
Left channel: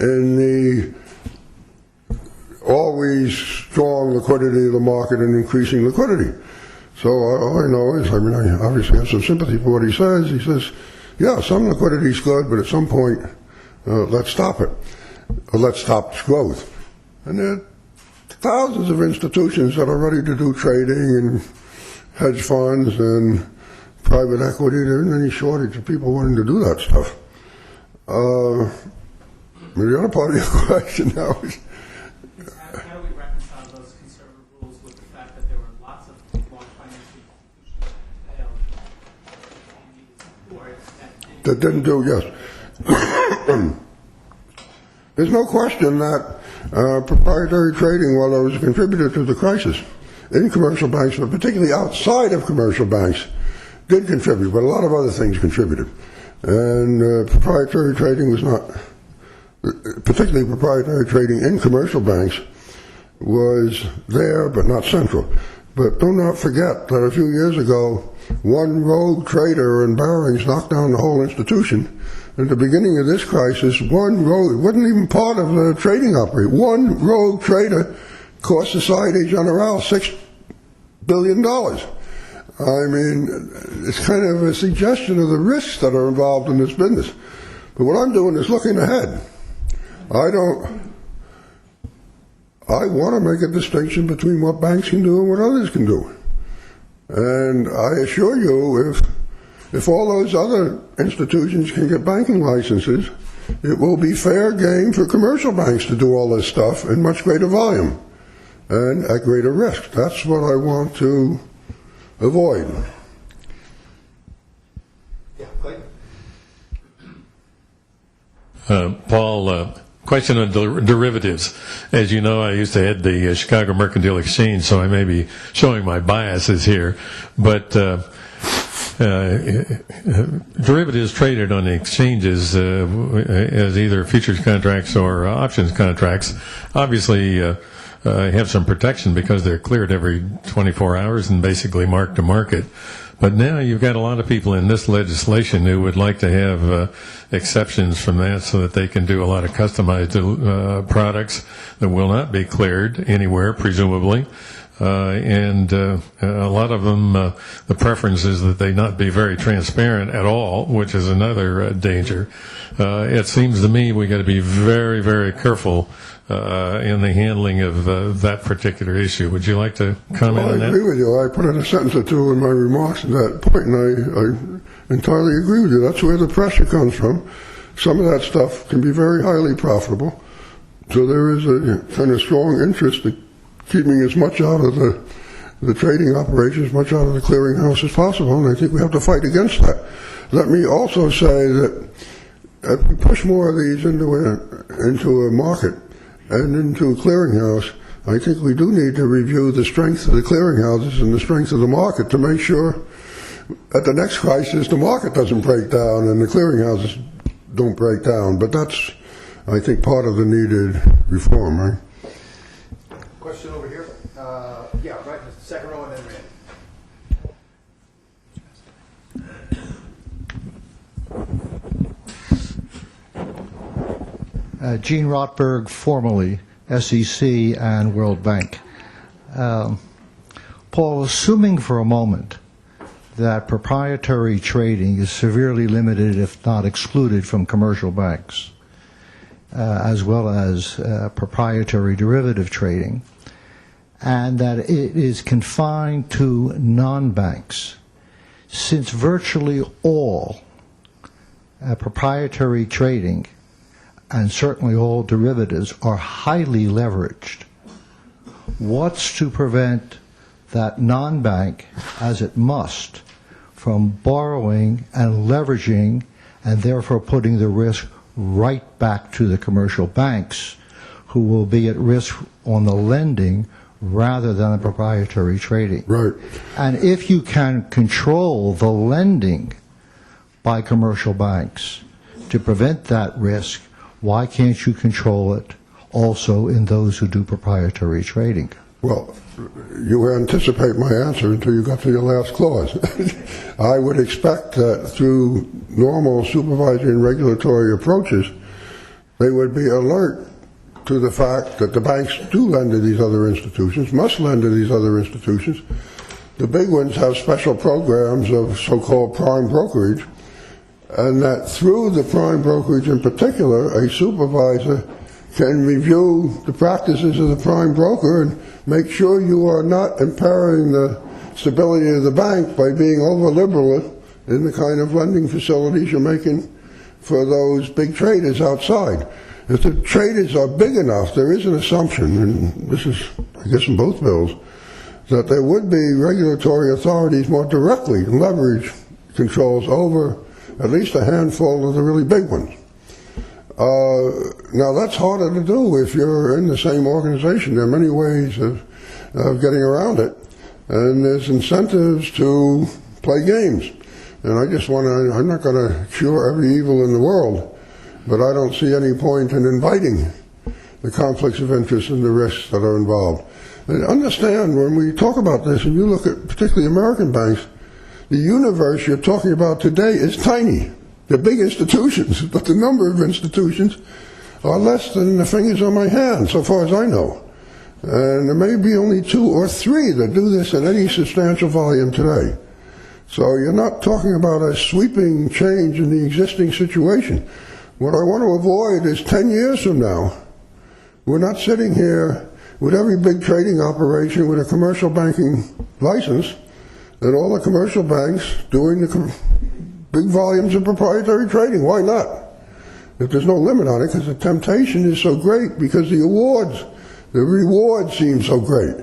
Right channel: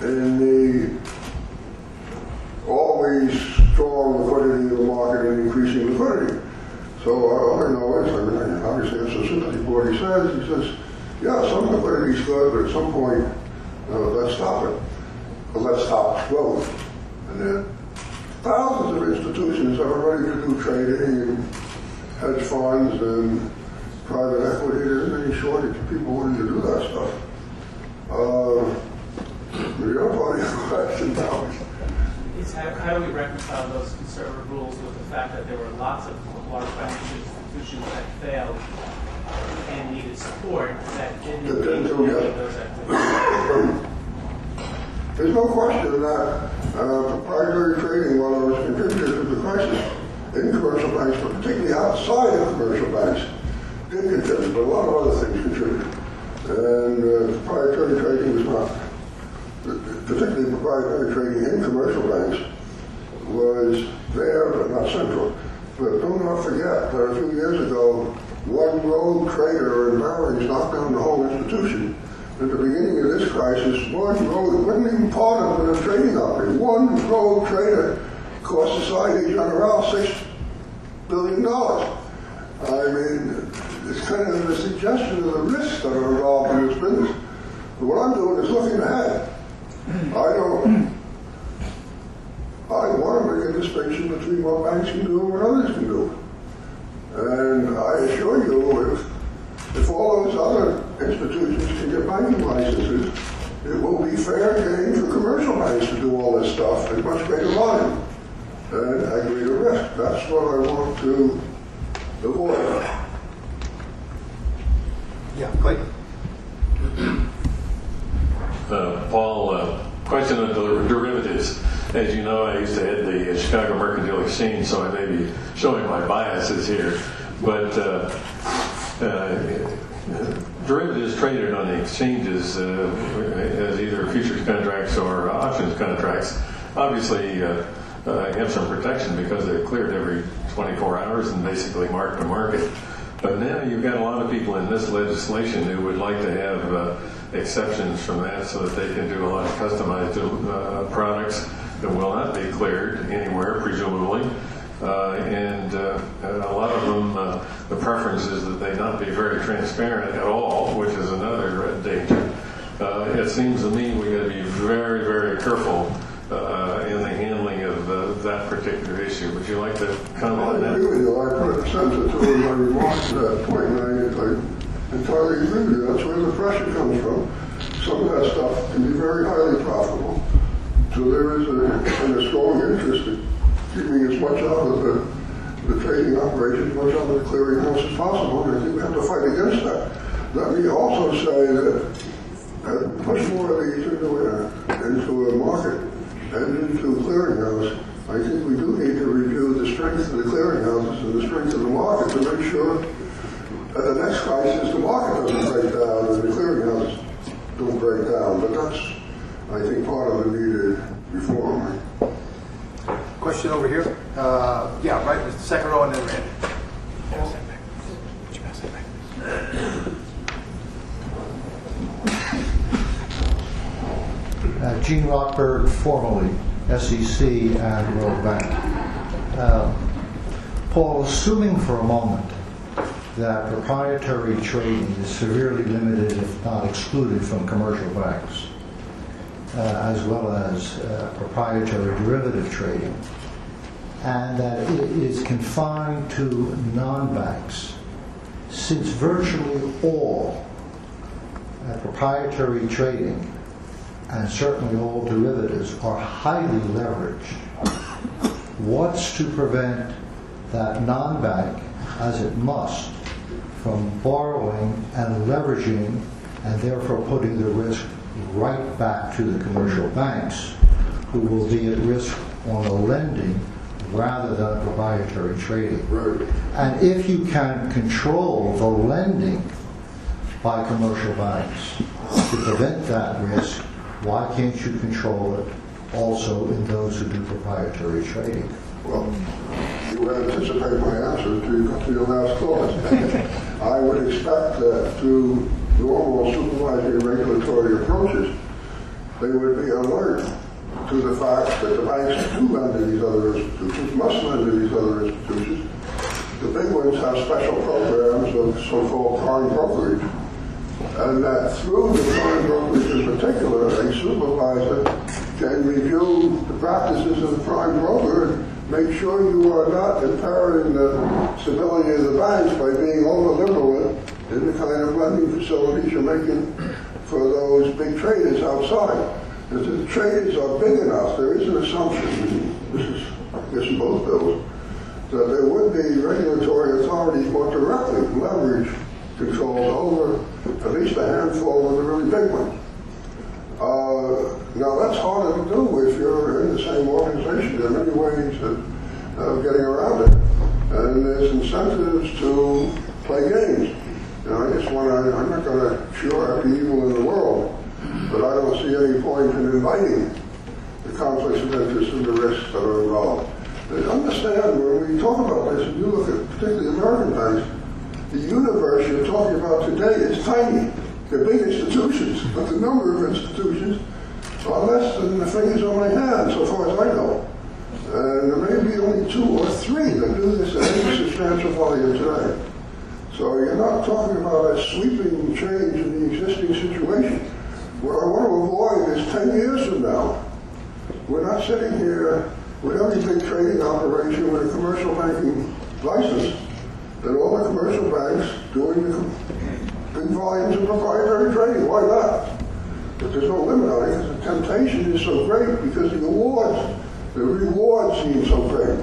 in the always strong liquidity of the market and increasing liquidity. So all I know is, I obviously have some sympathy for what he says. He says, yeah, some liquidity is good, but at some point, let's stop it. Let's stop growth. And there are thousands of institutions that are ready to do trading and hedge funds and private equity. There isn't any shortage of people wanting to do that stuff. The other part of your question now is how do we reconcile those conservative rules with the fact that there were lots of large financial institutions that failed and needed support that didn't do, yes. There's no question that proprietary trading, while it was a contributor to the crisis in commercial banks, but particularly outside of commercial banks, did contribute, but a lot of other things contributed. And proprietary trading was not, particularly proprietary trading in commercial banks, was there but not central. But do not forget that a few years ago, one rogue trader in Barings knocked down the whole institution. At the beginning of this crisis, one rogue, it wasn't even part of the trading operation, one rogue trader cost Societe Generale $6 billion. I mean, it's kind of a suggestion of the risks that are involved in this business. But what I'm doing is looking ahead. I want to make a distinction between what banks can do and what others can do. And I assure you, if all those other institutions can get banking licenses, it will be fair game for commercial banks to do all this stuff in much greater volume and at greater risk. That's what I want to avoid. Yeah, Clayton. Paul, question on derivatives. As you know, I used to head the Chicago Mercantile Exchange, so I may be showing my biases here. But derivatives traded on the exchanges as either futures contracts or options contracts obviously have some protection because they're cleared every 24 hours and basically mark to market. But now you've got a lot of people in this legislation who would like to have exceptions from that so that they can do a lot of customized products that will not be cleared anywhere, presumably. And a lot of them, the preference is that they not be very transparent at all, which is another danger. It seems to me we got to be very, very careful in the handling of that particular issue. Would you like to comment on that? I agree with you. I put in a sentence or two in my remarks to that point, and I entirely agree with you. That's where the pressure comes from. Some of that stuff can be very highly profitable. So there is a kind of strong interest in keeping as much out of the trading operation, as much out of the clearinghouse as possible, and I think we have to fight against that. Let me also say that as we push more of these into a market and into a clearinghouse, I think we do need to review the strength of the clearinghouses and the strength of the market to make sure at the next crisis the market doesn't break down and the clearinghouses don't break down. But that's, I think, part of the needed reform, right? Question over here. Yeah, right, the second row and then Randy. Gene Rotberg, formerly SEC and World Bank. Paul, assuming for a moment that proprietary trading is severely limited, if not excluded, from commercial banks, as well as proprietary derivative trading, and that it is confined to non-banks, since virtually all proprietary trading and certainly all derivatives are highly leveraged, what's to prevent that non-bank, as it must, from borrowing and leveraging and therefore putting the risk right back to the commercial banks, who will be at risk on the lending rather than the proprietary trading? Right. And if you can control the lending by commercial banks to prevent that risk, why can't you control it also in those who do proprietary trading? Well, you anticipate my answer until you got to your last clause. I would expect that through normal supervisory and regulatory approaches, they would be alert to the fact that the banks do lend to these other institutions, must lend to these other institutions. The big ones have special programs of so-called prime brokerage, and that through the prime brokerage in particular, a supervisor can review the practices of the prime broker and make sure you are not impairing the stability of the banks by being over-liberal in the kind of lending facilities you're making for those big traders outside. If the traders are big enough, there is an assumption, and this is, I guess, in both bills, that there would be regulatory authorities more directly leverage controls over at least a handful of the really big ones. Now that's harder to do if you're in the same organization. There are many ways of getting around it, and there's incentives to play games. And I just want to, I'm not going to cure every evil in the world, but I don't see any point in inviting the conflicts of interest and the risks that are involved. And understand, when we talk about this, and you look at particularly American banks, the universe you're talking about today is tiny. They're big institutions, but the number of institutions are less than the fingers on my hand, so far as I know. And there may be only 2 or 3 that do this at any substantial volume today. So you're not talking about a sweeping change in the existing situation. What I want to avoid is 10 years from now, we're not sitting here with every big trading operation with a commercial banking license, and all the commercial banks doing the big volumes of proprietary trading. Why not? If there's no limit on it, because the temptation is so great, because the rewards seem so great.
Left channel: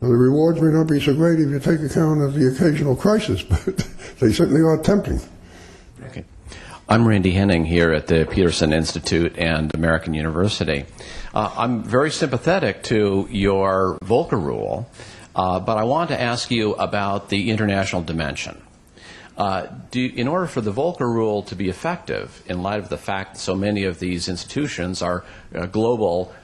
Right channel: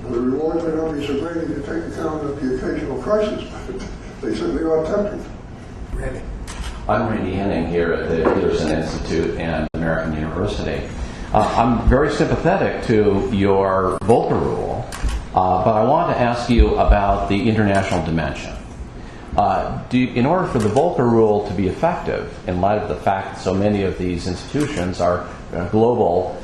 Well, the rewards may not be so great if you take account of the occasional crisis, but they certainly are tempting. I'm Randy Henning here at the Peterson Institute and American University. I'm very sympathetic to your Volcker Rule, but I want to ask you about the international dimension. In order for the Volcker Rule to be effective, in light of the fact that so many of these institutions are global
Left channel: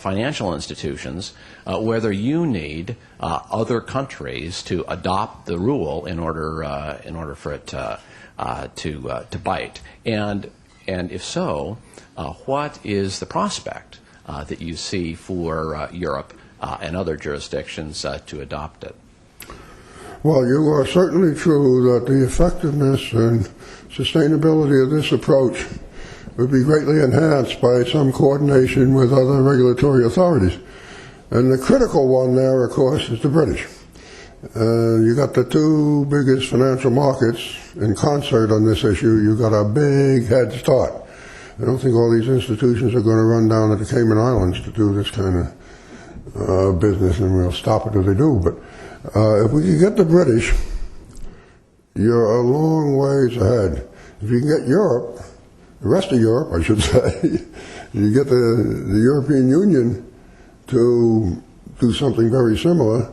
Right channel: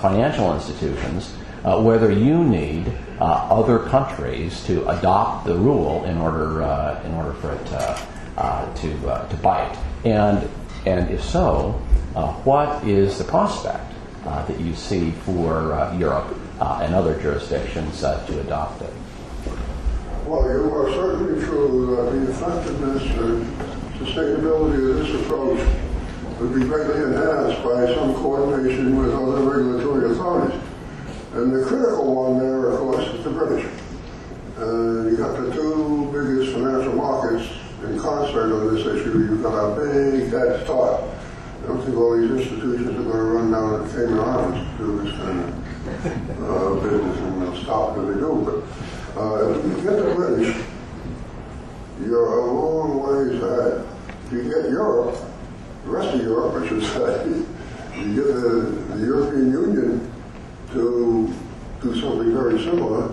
financial institutions, whether you need other countries to adopt the rule in order for it to bite, and if so, what is the prospect that you see for Europe and other jurisdictions to adopt it? Well, you are certainly true that the effectiveness and sustainability of this approach would be greatly enhanced by some coordination with other regulatory authorities. And the critical one there, of course, is the British. You got the two biggest financial markets in concert on this issue. You got a big head start. I don't think all these institutions are going to run down to the Cayman Islands to do this kind of business, and we'll stop it if they do. But if we can get the British, you're a long ways ahead. If you can get Europe, the rest of Europe, I should say, you get the European Union to do something very similar,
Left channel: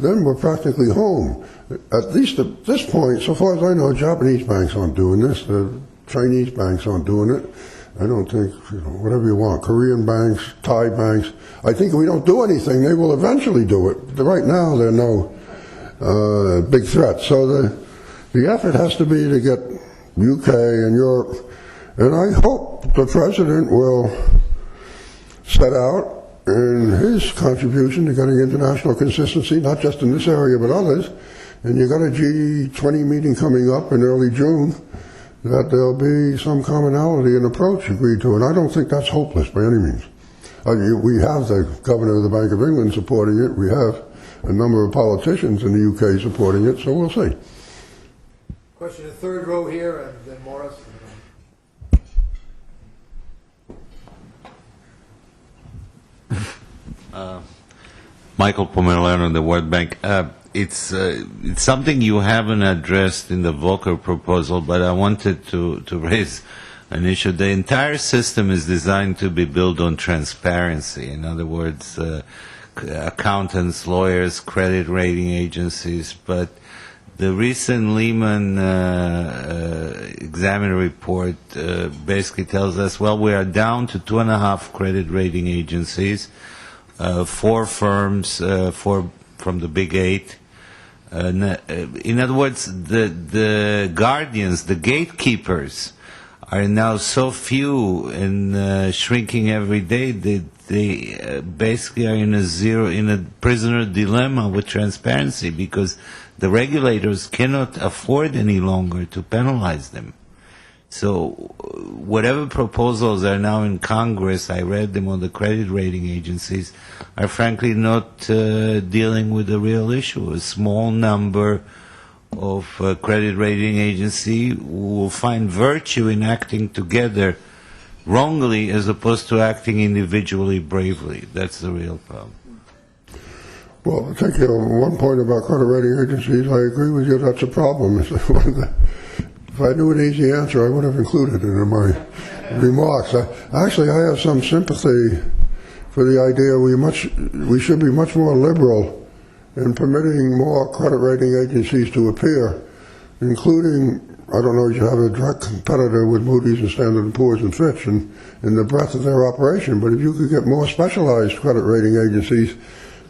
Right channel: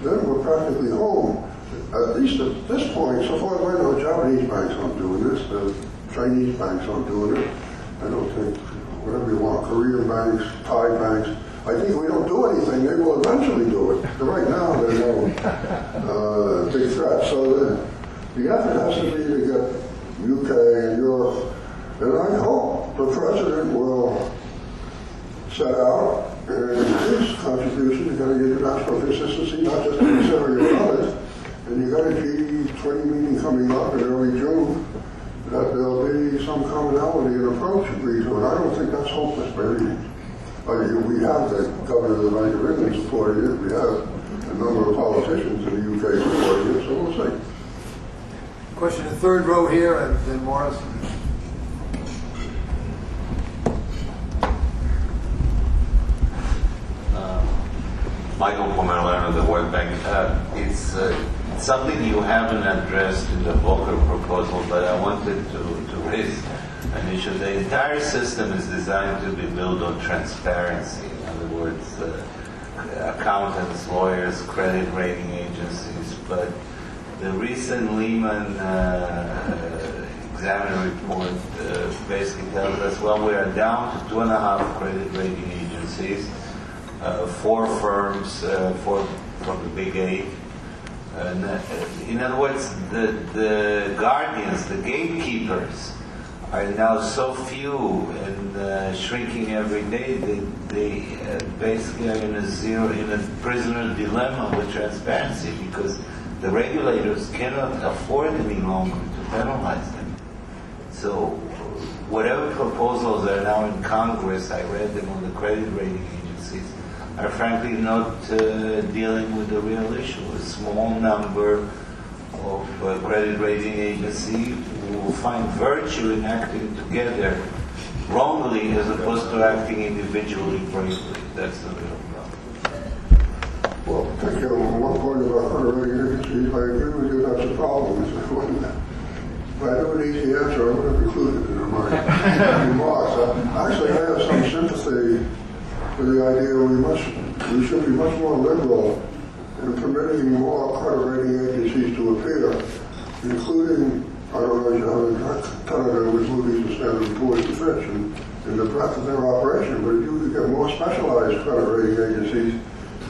then we're practically home. At least at this point, so far as I know, Japanese banks aren't doing this. The Chinese banks aren't doing it. I don't think, whatever you want, Korean banks, Thai banks. I think if we don't do anything, they will eventually do it. Right now, they're no big threat. So the effort has to be to get UK and Europe, and I hope the president will set out in his contribution to getting international consistency, not just in this area but others. And you got a G20 meeting coming up in early June, that there'll be some commonality and approach agreed to, and I don't think that's hopeless by any means. I mean, we have the governor of the Bank of England supporting it. We have a number of politicians in the UK supporting it, so we'll see. Question in the third row here, and then Morris. Michael Pomerleano of the World Bank. It's something you haven't addressed in the Volcker proposal, but I wanted to raise an issue. The entire system is designed to be built on transparency. In other words, accountants, lawyers, credit rating agencies, but the recent Lehman Examiner report basically tells us, well, we are down to 2.5 credit rating agencies, 4 firms from the big 8. In other words, the guardians, the gatekeepers, are now so few and shrinking every day. They basically are in a prisoner dilemma with transparency, because the regulators cannot afford any longer to penalize them. So whatever proposals are now in Congress, I read them on the credit rating agencies, are frankly not dealing with the real issue. A small number of credit rating agency will find virtue in acting together wrongly as opposed to acting individually bravely. That's the real problem. Well, particularly on one point about credit rating agencies, I agree with you, that's a problem. If I knew an easy answer, I would have included it in my remarks. Actually, I have some sympathy for the idea we should be much more liberal in permitting more credit rating agencies to appear, including, I don't know if you have a direct competitor with Moody's and Standard & Poor's and Fitch in the breadth of their operation, but if you could get more specialized credit rating agencies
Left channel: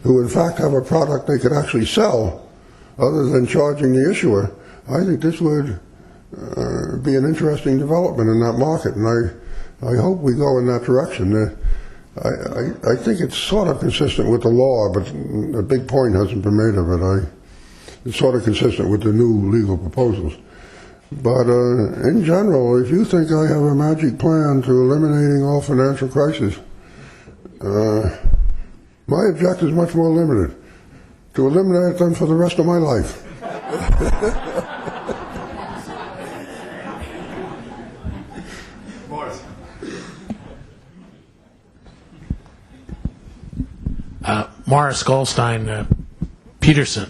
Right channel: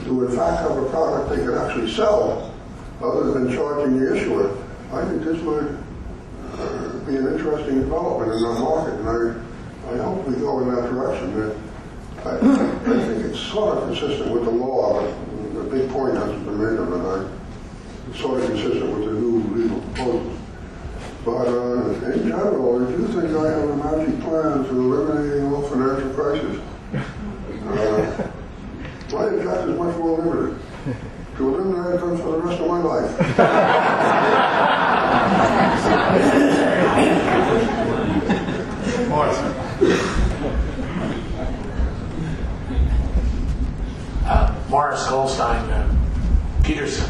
who in fact have a product they can actually sell other than charging the issuer, I think this would be an interesting development in that market, and I hope we go in that direction. I think it's sort of consistent with the law, but a big point hasn't been made of it. it's sort of consistent with the new legal proposals. But in general, if you think I have a magic plan to eliminating all financial crises, my objective is much more limited. To eliminate them for the rest of my life. Morris Goldstein, Peterson.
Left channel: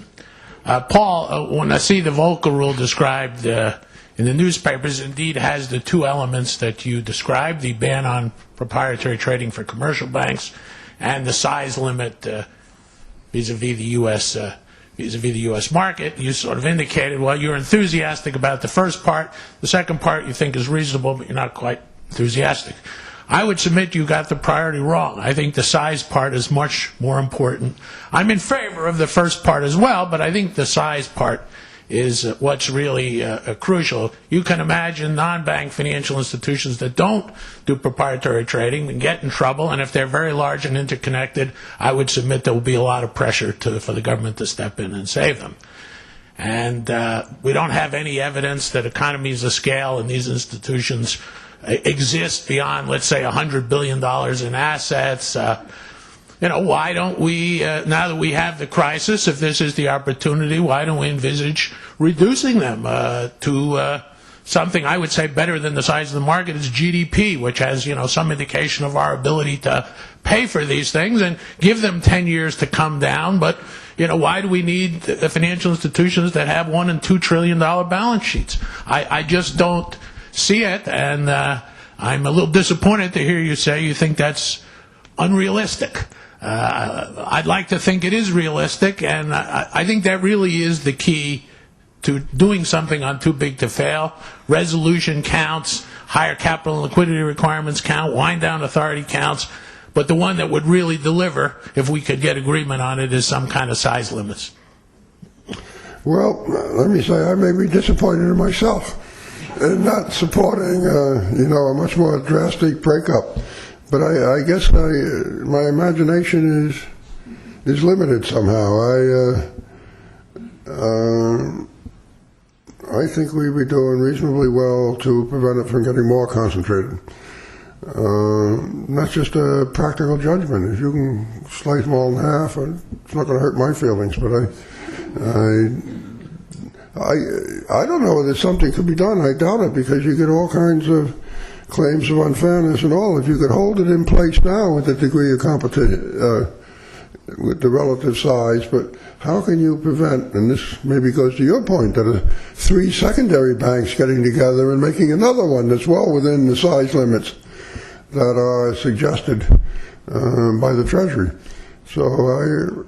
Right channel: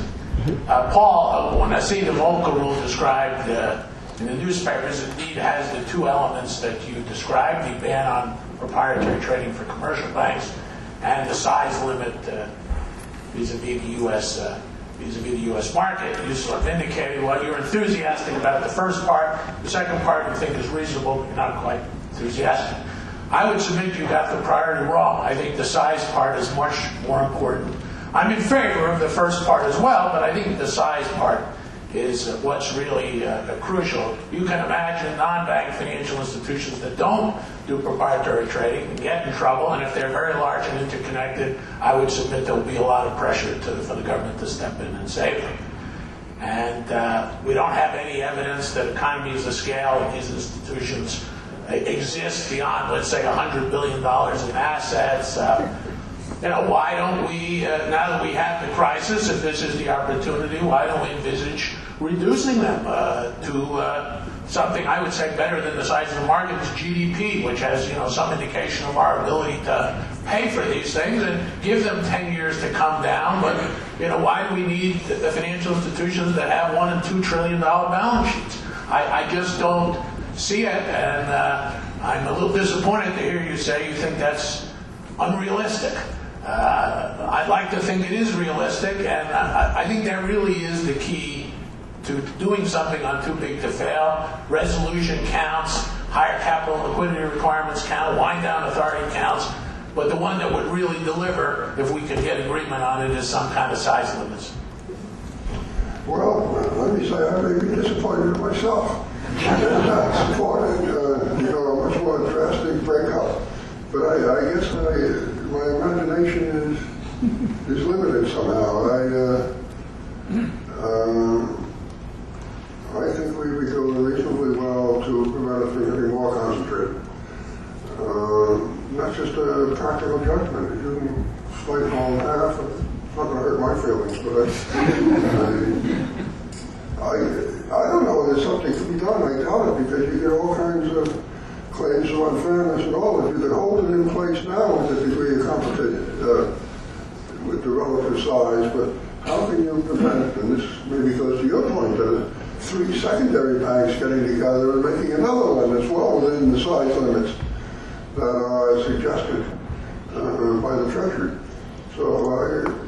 Paul, when I see the Volcker Rule described in the newspapers, indeed has the two elements that you described, the ban on proprietary trading for commercial banks and the size limit vis-a-vis the U.S. market. You sort of indicated, well, you're enthusiastic about the first part. The second part you think is reasonable, but you're not quite enthusiastic. I would submit you got the priority wrong. I think the size part is much more important. I'm in favor of the first part as well, but I think the size part is what's really crucial. You can imagine non-bank financial institutions that don't do proprietary trading and get in trouble, and if they're very large and interconnected, I would submit there will be a lot of pressure for the government to step in and save them. And we don't have any evidence that economies of scale in these institutions exist beyond, let's say, $100 billion in assets. Why don't we, now that we have the crisis, if this is the opportunity, why don't we envisage reducing them to something I would say better than the size of the market is GDP, which has, some indication of our ability to pay for these things, and give them 10 years to come down. But, why do we need the financial institutions that have $1 and $2 trillion balance sheets? I just don't see it, and I'm a little disappointed to hear you say you think that's unrealistic. I'd like to think it is realistic, and I think that really is the key to doing something on too big to fail. Resolution counts, higher capital and liquidity requirements count, wind down authority counts, but the one that would really deliver, if we could get agreement on it, is some kind of size limits. Well, let me say I may be disappointed in myself in not supporting, a much more drastic breakup. But I guess my imagination is limited somehow. I think we'd be doing reasonably well to prevent it from getting more concentrated. That's just a practical judgment. If you can slice them all in half, it's not going to hurt my feelings. But I don't know whether something could be done. I doubt it, because you get all kinds of claims of unfairness and all. If you could hold it in place now with a degree of competition, with the relative size, but how can you prevent, and this maybe goes to your point, that 3 secondary banks getting together and making another one that's well within the size limits that are suggested by the Treasury. So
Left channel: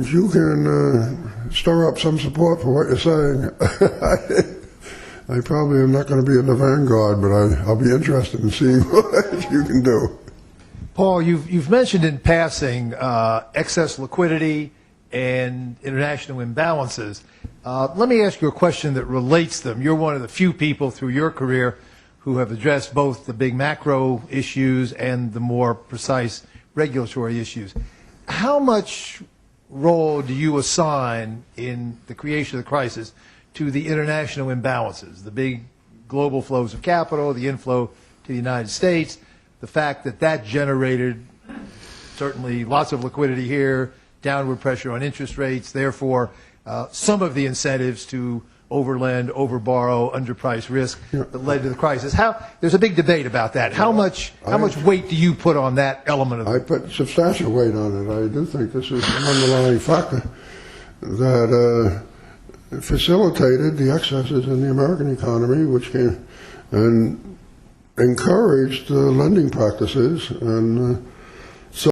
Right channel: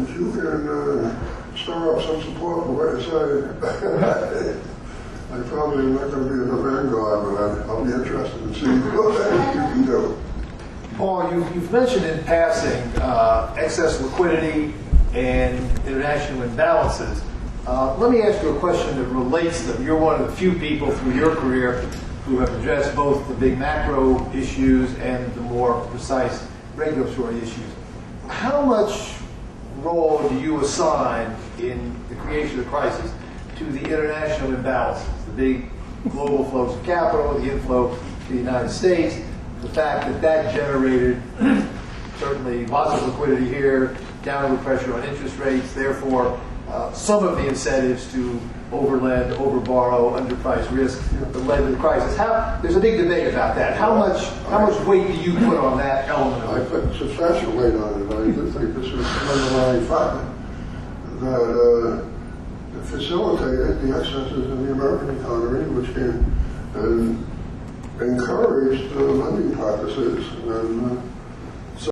if you can stir up some support for what you're saying, I probably am not going to be in the vanguard, but I'll be interested in seeing what you can do. Paul, you've mentioned in passing excess liquidity and international imbalances. Let me ask you a question that relates to them. You're one of the few people through your career who have addressed both the big macro issues and the more precise regulatory issues. How much role do you assign in the creation of the crisis to the international imbalances, the big global flows of capital, the inflow to the United States, the fact that generated certainly lots of liquidity here, downward pressure on interest rates, therefore some of the incentives to overlend, overborrow, underprice risk that led to the crisis. There's a big debate about that. How much weight do you put on that element of it? I put substantial weight on it. I do think this is an underlying factor that facilitated the excesses in the American economy, which came and encouraged lending practices and